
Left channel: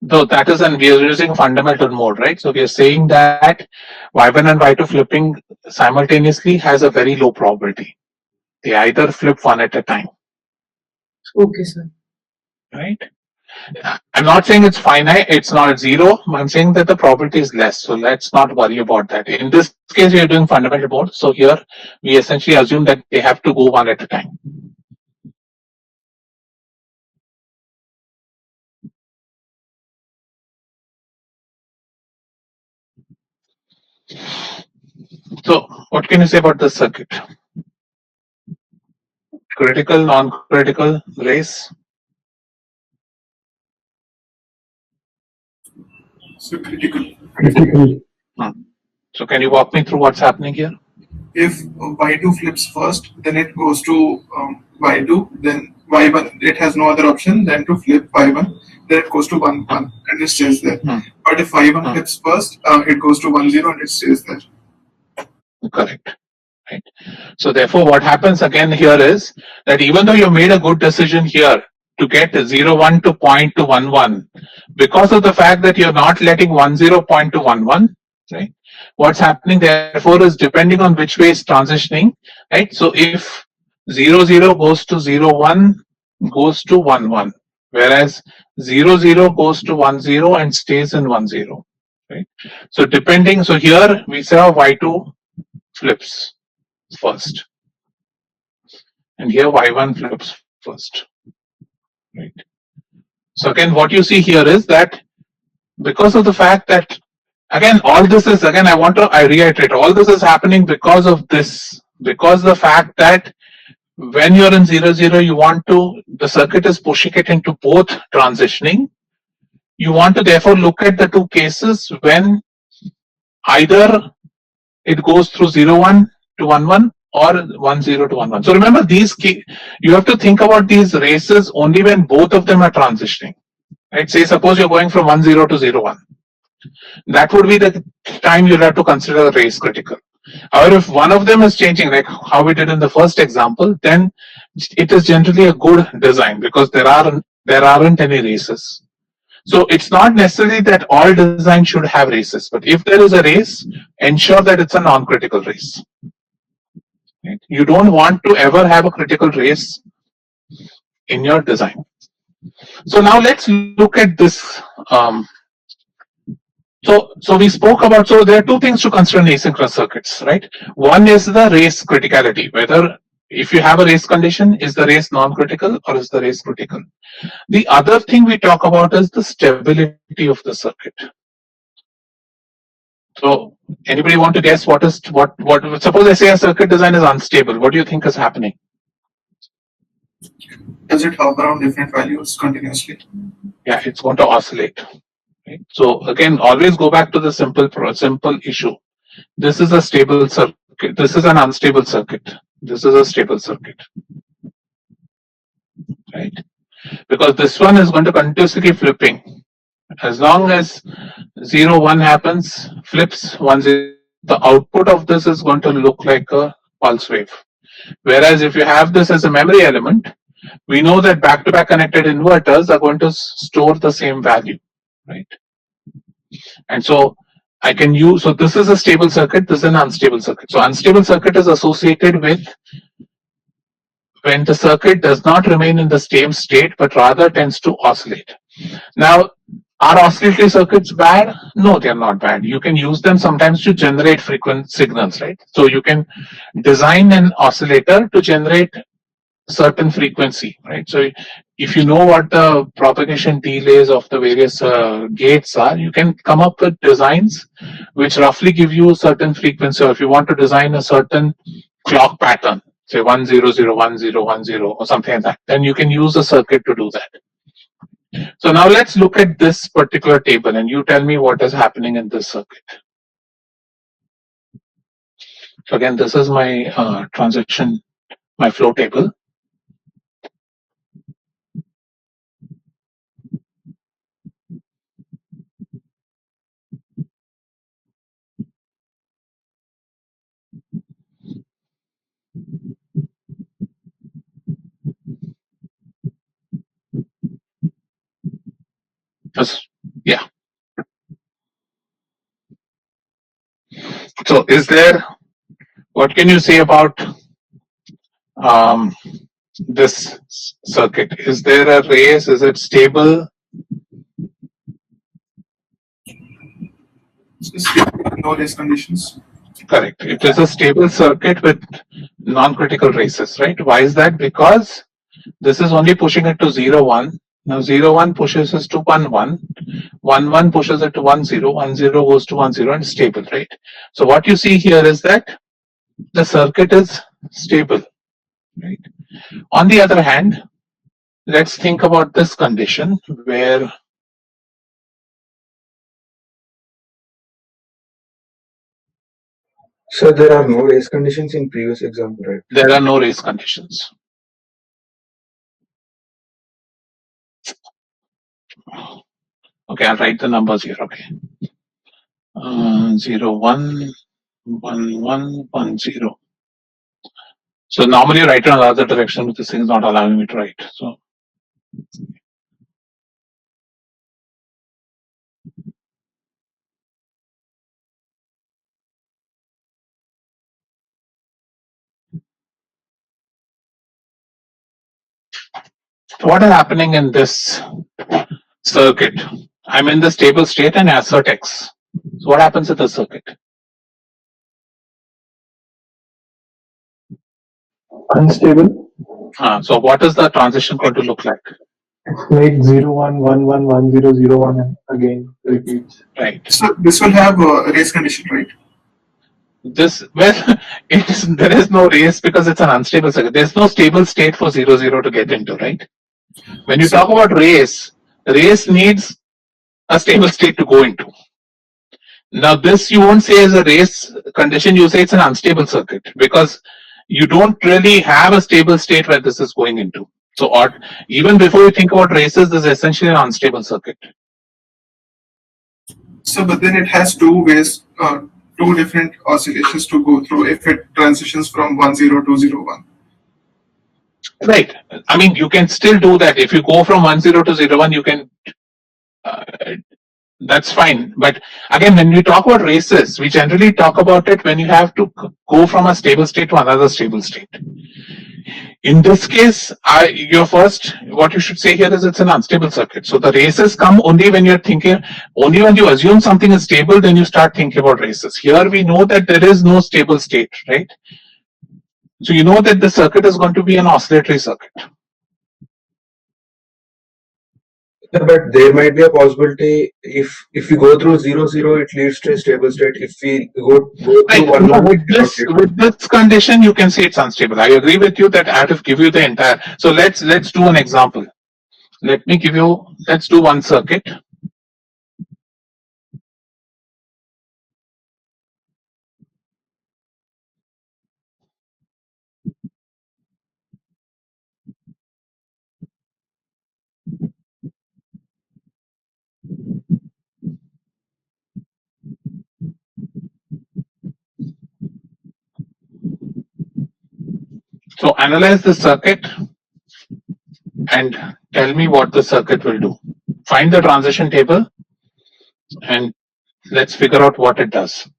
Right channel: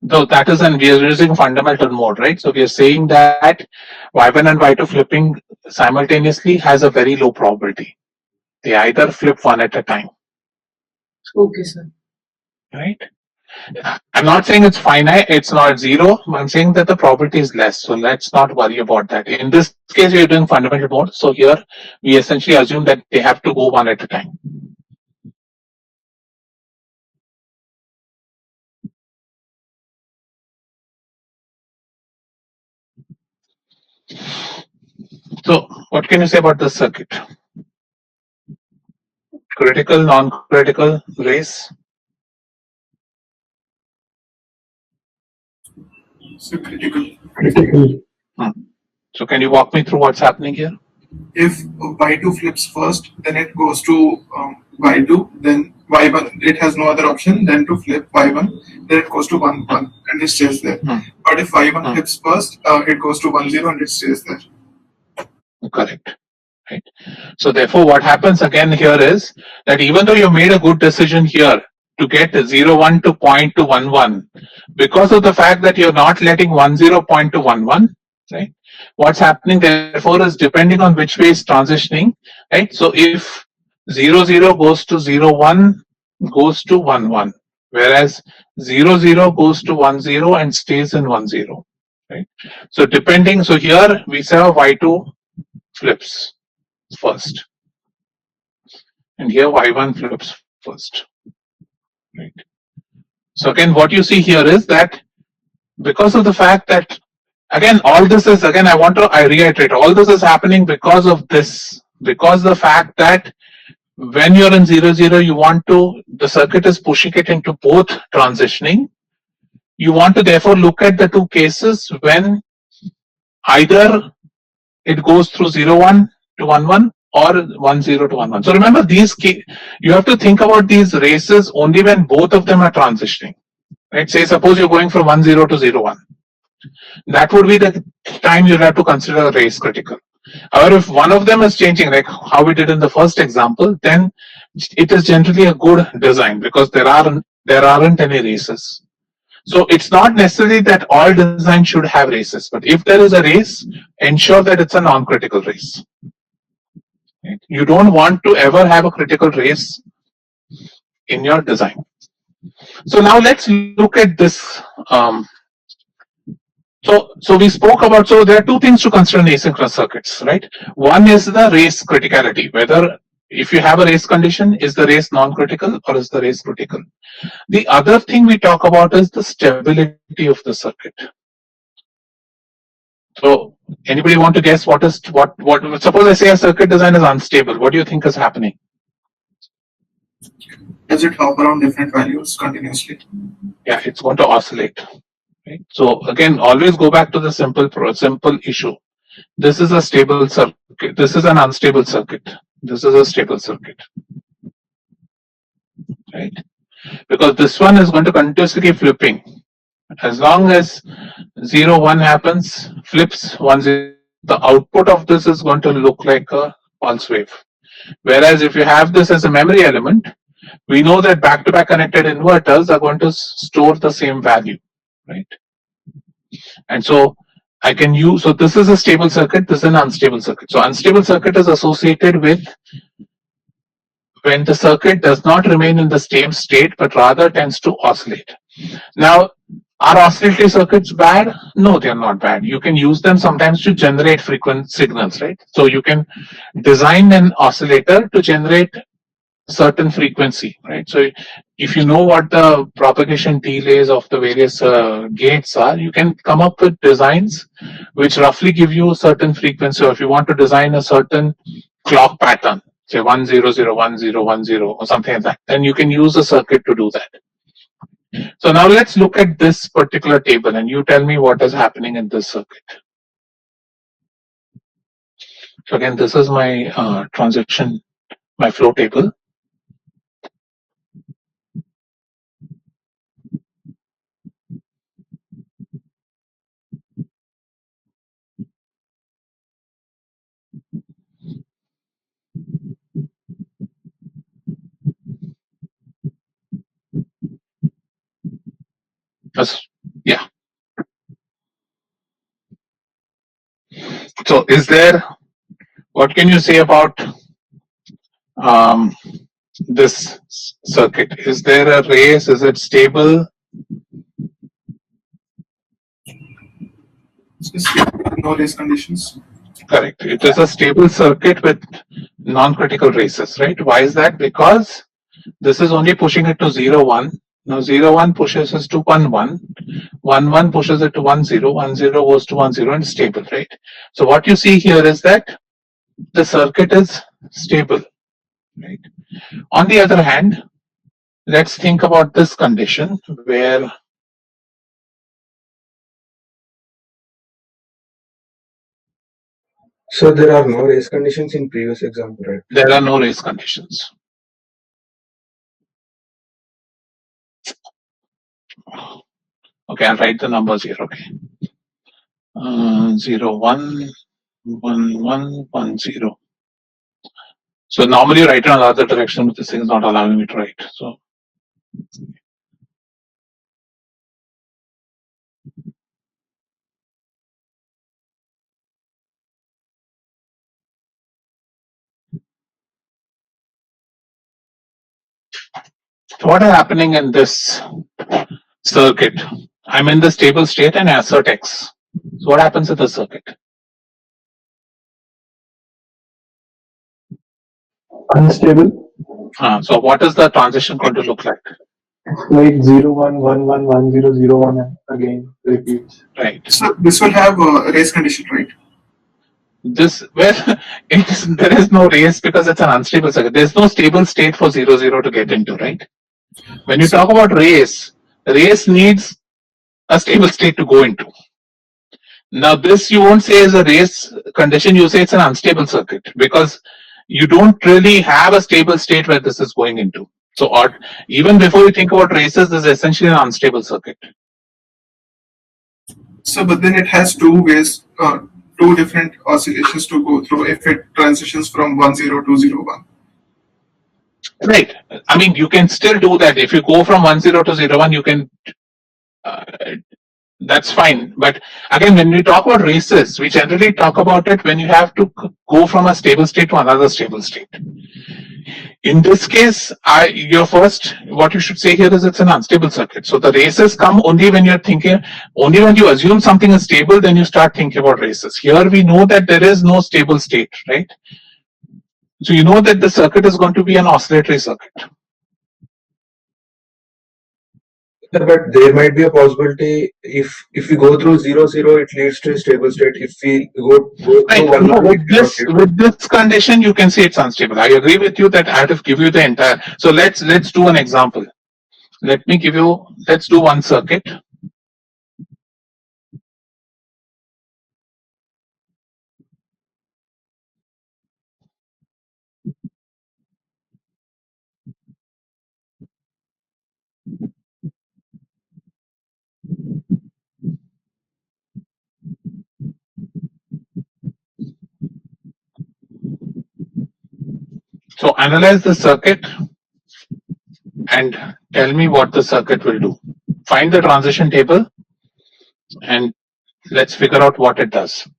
Though that is, and we are using fundamental mode, right? So we are saying that y1 and y2 flipping simultaneously has a very low probability. They either flip one at a time. Okay, sir. Right? I'm not saying it's finite, it's not zero. I'm saying that the probability is less. So let's not worry about that. In this case, we are doing fundamental mode. So here we essentially assume that they have to go one at a time. So what can you say about this circuit? Critical, non-critical, race? So critical. So can you walk me through what's happening here? If y2 flips first, then it goes to y2, then y1. It has no other option than to flip y1. Then it goes to 1 1 and it stays there. But if y1 flips first, it goes to 1 0 and it stays there. Correct. Right. So therefore, what happens again here is that even though you made a good decision here to get 0 1 to point to 1 1, because of the fact that you're not letting 1 0 point to 1 1, right? What's happening therefore is depending on which way it's transitioning, right? So if 0 0 goes to 0 1 goes to 1 1, whereas 0 0 goes to 1 0 and stays in 1 0, right? So depending, so here we say y2 flips first, and here y1 flips first, right? So again, what you see here is that because of the fact that, again, all this is, again, I reiterate, all this is happening because of this, because the fact that when you're in 0 0, you want to, the circuit is pushing it into both transitioning. You want to therefore look at the two cases when either it goes through 0 1 to 1 1 or 1 0 to 1 1. So remember, you have to think about these races only when both of them are transitioning. Right? Say suppose you're going from 1 0 to 0 1. That would be the time you'll have to consider a race critical. However, if one of them is changing, like how we did in the first example, then it is generally a good design because there aren't any races. So it's not necessarily that all design should have races, but if there is a race, ensure that it's a non-critical race. Right? You don't want to ever have a critical race in your design. So now let's look at this. So we spoke about, so there are two things to consider in asynchronous circuits, right? One is the race criticality, whether if you have a race condition, is the race non-critical or is the race critical? The other thing we talk about is the stability of the circuit. So anybody want to guess what suppose I say a circuit design is unstable, what do you think is happening? Does it hop around different values continuously? Yeah, it's going to oscillate. Right? So again, always go back to the simple issue. This is a stable circuit. This is an unstable circuit. This is a stable circuit. Right? Because this one is going to continuously keep flipping. As long as 0, 1 happens, flips 1, 0. The output of this is going to look like a pulse wave. Whereas if you have this as a memory element, we know that back-to-back connected inverters are going to store the same value, right? And so I can use, so this is a stable circuit, this is an unstable circuit. So unstable circuit is associated with when the circuit does not remain in the same state, but rather tends to oscillate. Now, are oscillatory circuits bad? No, they're not bad. You can use them sometimes to generate frequent signals, right? So you can design an oscillator to generate certain frequency, right? So if you know what the propagation delays of the various gates are, you can come up with designs which roughly give you a certain frequency. Or if you want to design a certain clock pattern, say 1001010 or something like that, then you can use a circuit to do that. So now let's look at this particular table and you tell me what is happening in this circuit. So again, this is my transition, my flow table. Yeah. So is there, what can you say about this circuit? Is there a race? Is it stable? No race conditions. Correct. It is a stable circuit with non-critical races, right? Why is that? Because this is only pushing it to 0, 1. Now 0, 1 pushes us to 1, 1. 1, 1 pushes it to 1, 0. 1, 0 goes to 1, 0 and stable, right? So what you see here is that the circuit is stable, right? On the other hand, let's think about this condition where So there are no race conditions in previous example, right? there are no race conditions. Okay, I'll write the numbers here. Okay, 0, 1, 1, 1, 1, 0. So normally you write it on the other direction, but this thing is not allowing me to write. So what is happening in this circuit? I'm in the stable state and assert X. So what happens to the circuit? Unstable. So what is the transition going to look like? It's like 0, 1, 1, 1, 1, 0, 0, 1 and again repeats. Right. So this will have a race condition, right? This, well, there is no race because it's an unstable circuit. There's no stable state for 0, 0 to get into, right? When you talk about race needs a stable state to go into. Now this you won't say as a race condition, you say it's an unstable circuit because you don't really have a stable state where this is going into. So or even before you think about races, this is essentially an unstable circuit. So but then it has two ways, two different oscillations to go through if it transitions from 10 to 01. Right. I mean, you can still do that. If you go from 10 to 01, you can, that's fine. But again, when we talk about races, we generally talk about it when you have to go from a stable state to another stable state. In this case, your first, what you should say here is it's an unstable circuit. So the races come only when you're thinking, only when you assume something is stable, then you start thinking about races. Here we know that there is no stable state, right? So you know that the circuit is going to be an oscillatory circuit. But there might be a possibility if we go through 0, 0, it leads to a stable state. If we go Right. through 1, No, 1, with this condition, you can say it's unstable. I agree with you that I have to give you the entire. So let's do an example. Let me give you. Let's do one circuit. So analyze the circuit and tell me what the circuit will do. Find the transition table and let's figure out what it does.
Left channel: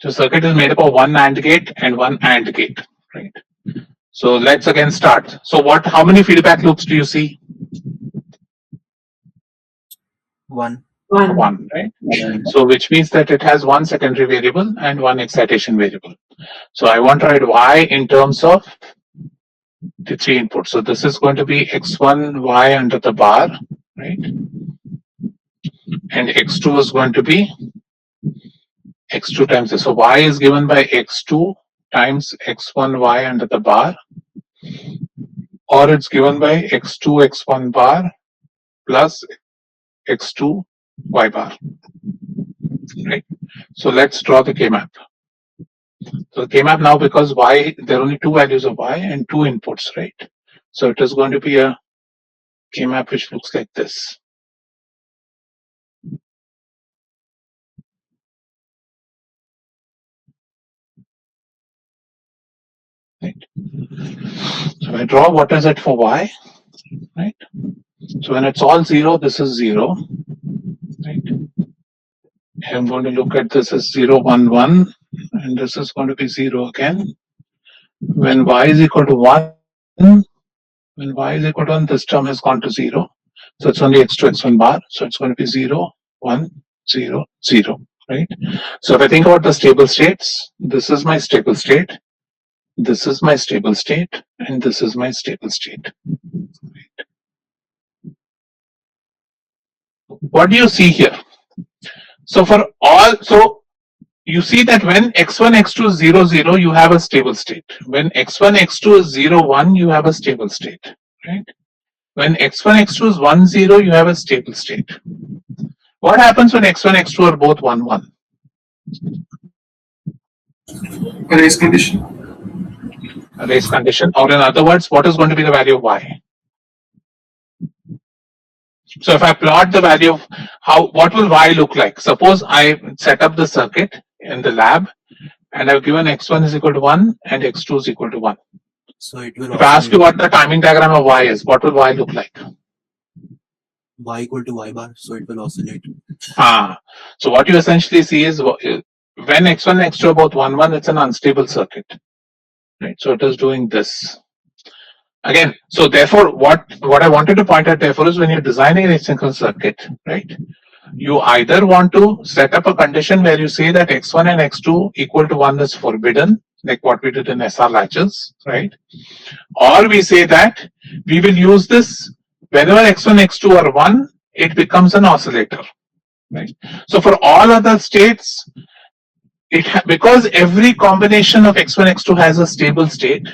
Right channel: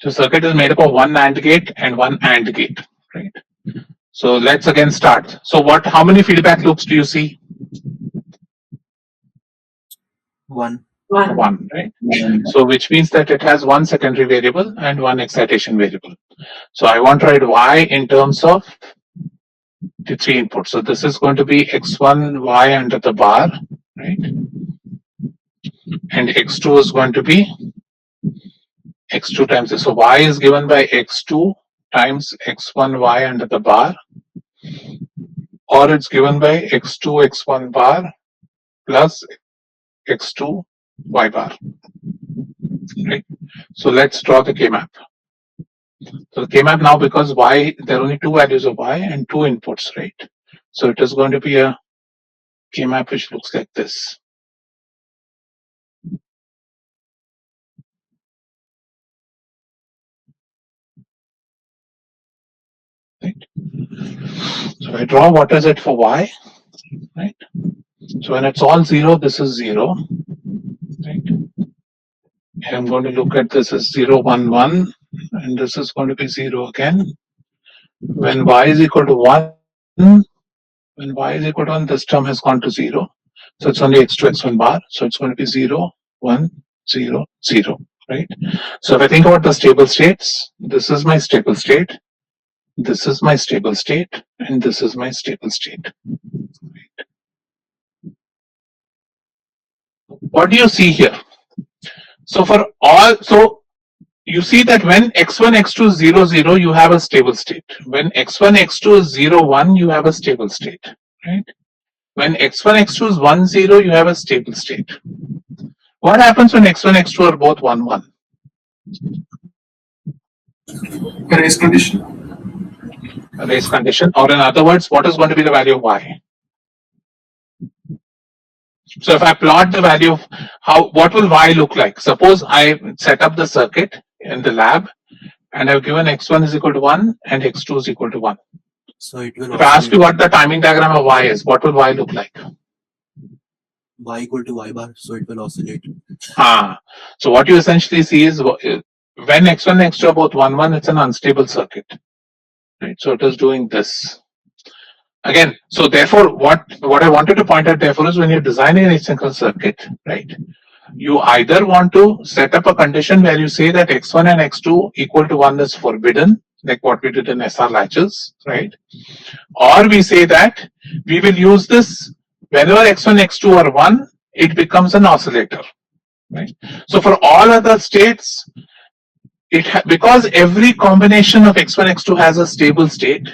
So circuit is made up of one AND gate and one AND gate, right? So let's again start. So how many feedback loops do you see? One. One, right? So which means that it has one secondary variable and one excitation variable. So I want to write y in terms of the three inputs. So this is going to be x1 y under the bar, right? And x2 is going to be x2 times this. So y is given by x2 times x1 y under the bar, or it's given by x2 x1 bar plus x2 y bar, right? So let's draw the K-map. So the K-map now, because y, there are only two values of y and two inputs, right? So it is going to be a K-map which looks like this. Right. So I draw what is it for y, right? So when it's all zero, this is zero, right? I'm going to look at this as 0, 1, 1, and this is going to be 0 again. When y is equal to 1, when y is equal to 1, this term has gone to 0. So it's only x2, x1 bar. So it's going to be 0, 1, 0, 0, right? So if I think about the stable states, this is my stable state, this is my stable state, and this is my stable state. What do you see here? So for all, so you see that when x1, x2 is 0, 0, you have a stable state. When x1, x2 is 0, 1, you have a stable state, right? When x1, x2 is 1, 0, you have a stable state. What happens when x1, x2 are both 1, 1? A race condition. A race condition, or in other words, what is going to be the value of y? So if I plot the value of what will y look like? Suppose I set up the circuit in the lab and I've given x1 is equal to 1 and x2 is equal to 1. So it will If I ask you what the timing diagram of y is, what will y look like? y equal to y bar, so it will oscillate. So what you essentially see is when x1 and x2 are both 1, 1, it's an unstable circuit, right? So it is doing this. Again, so therefore, what I wanted to point out therefore is when you're designing an asynchronous circuit, right? You either want to set up a condition where you say that x1 and x2 equal to 1 is forbidden, like what we did in SR latches, right? Or we say that we will use this whenever x1, x2 are 1, it becomes an oscillator, right? So for all other states, because every combination of x1, x2 has a stable state,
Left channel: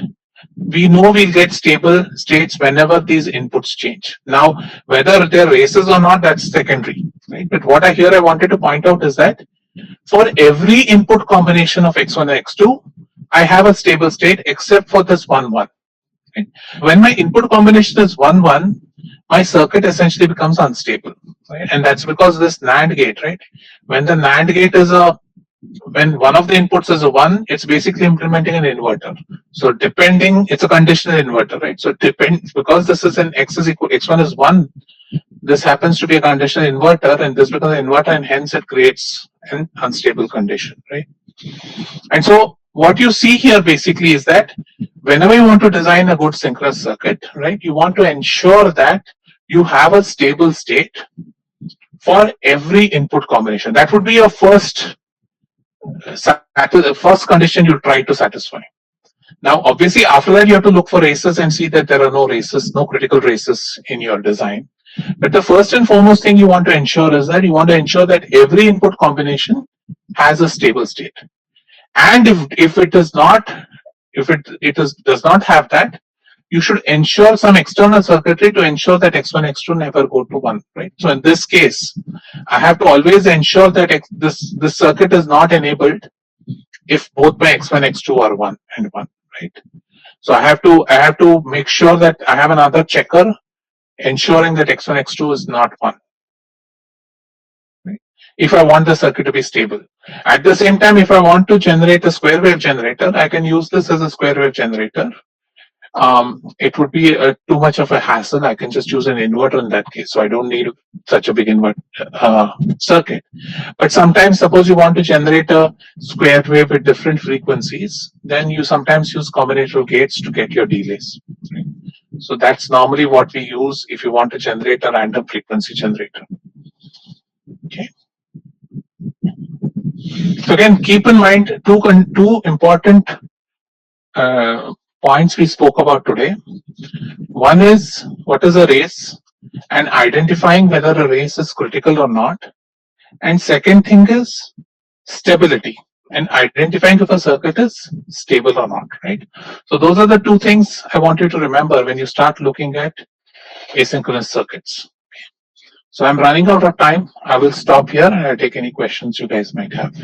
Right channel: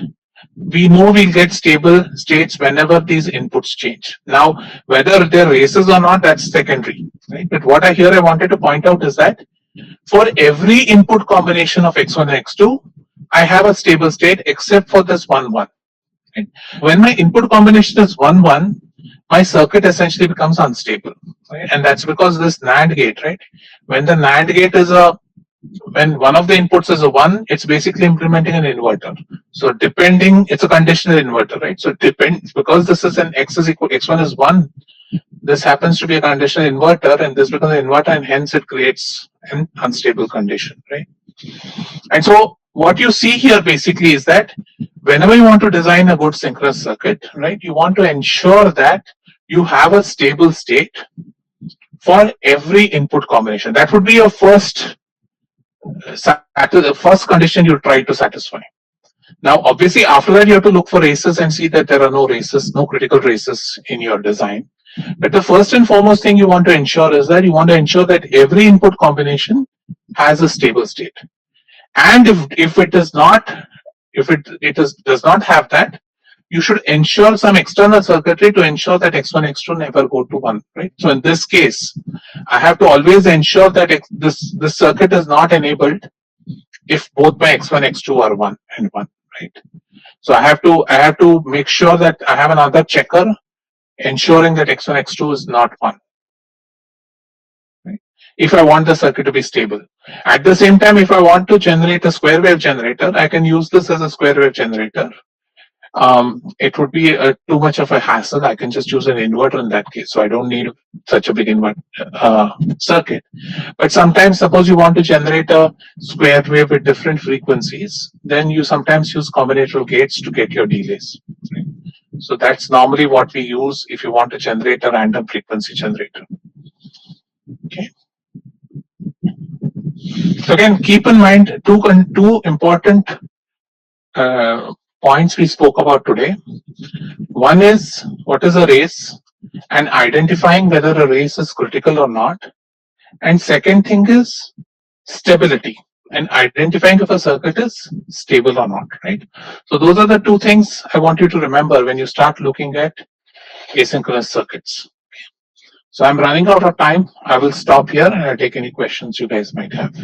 we know we'll get stable states whenever these inputs change. Now, whether they're races or not, that's secondary, right? But what I wanted to point out is that for every input combination of x1 and x2, I have a stable state except for this 1, 1. Right? When my input combination is 1, 1, my circuit essentially becomes unstable, right? And that's because this NAND gate, right? When the NAND gate is when one of the inputs is a 1, it's basically implementing an inverter. So it's a conditional inverter, right? So it depends, because this is an x1 is 1, this happens to be a conditional inverter, and this becomes an inverter, and hence it creates an unstable condition, right? And so what you see here basically is that whenever you want to design a good synchronous circuit, right, you want to ensure that you have a stable state for every input combination. That would be your first the first condition you try to satisfy. Now, obviously, after that, you have to look for races and see that there are no races, no critical races in your design. But the first and foremost thing you want to ensure is that you want to ensure that every input combination has a stable state. And if it is not, if it does not have that, you should ensure some external circuitry to ensure that x1, x2 never go to 1, right? So in this case, I have to always ensure that this circuit is not enabled if both my x1, x2 are 1 and 1, right? So I have to make sure that I have another checker ensuring that x1, x2 is not 1. Right? If I want the circuit to be stable. At the same time, if I want to generate a square wave generator, I can use this as a square wave generator. It would be too much of a hassle. I can just use an inverter in that case, so I don't need such a big circuit. But sometimes, suppose you want to generate a square wave with different frequencies, then you sometimes use combinatorial gates to get your delays. Right? So that's normally what we use if you want to generate a random frequency generator. Okay. So again, keep in mind two important points we spoke about today. One is what is a race and identifying whether a race is critical or not. And second thing is stability and identifying if a circuit is stable or not, right? So those are the two things I want you to remember when you start looking at asynchronous circuits. So I'm running out of time. I will stop here and I'll take any questions you guys might have.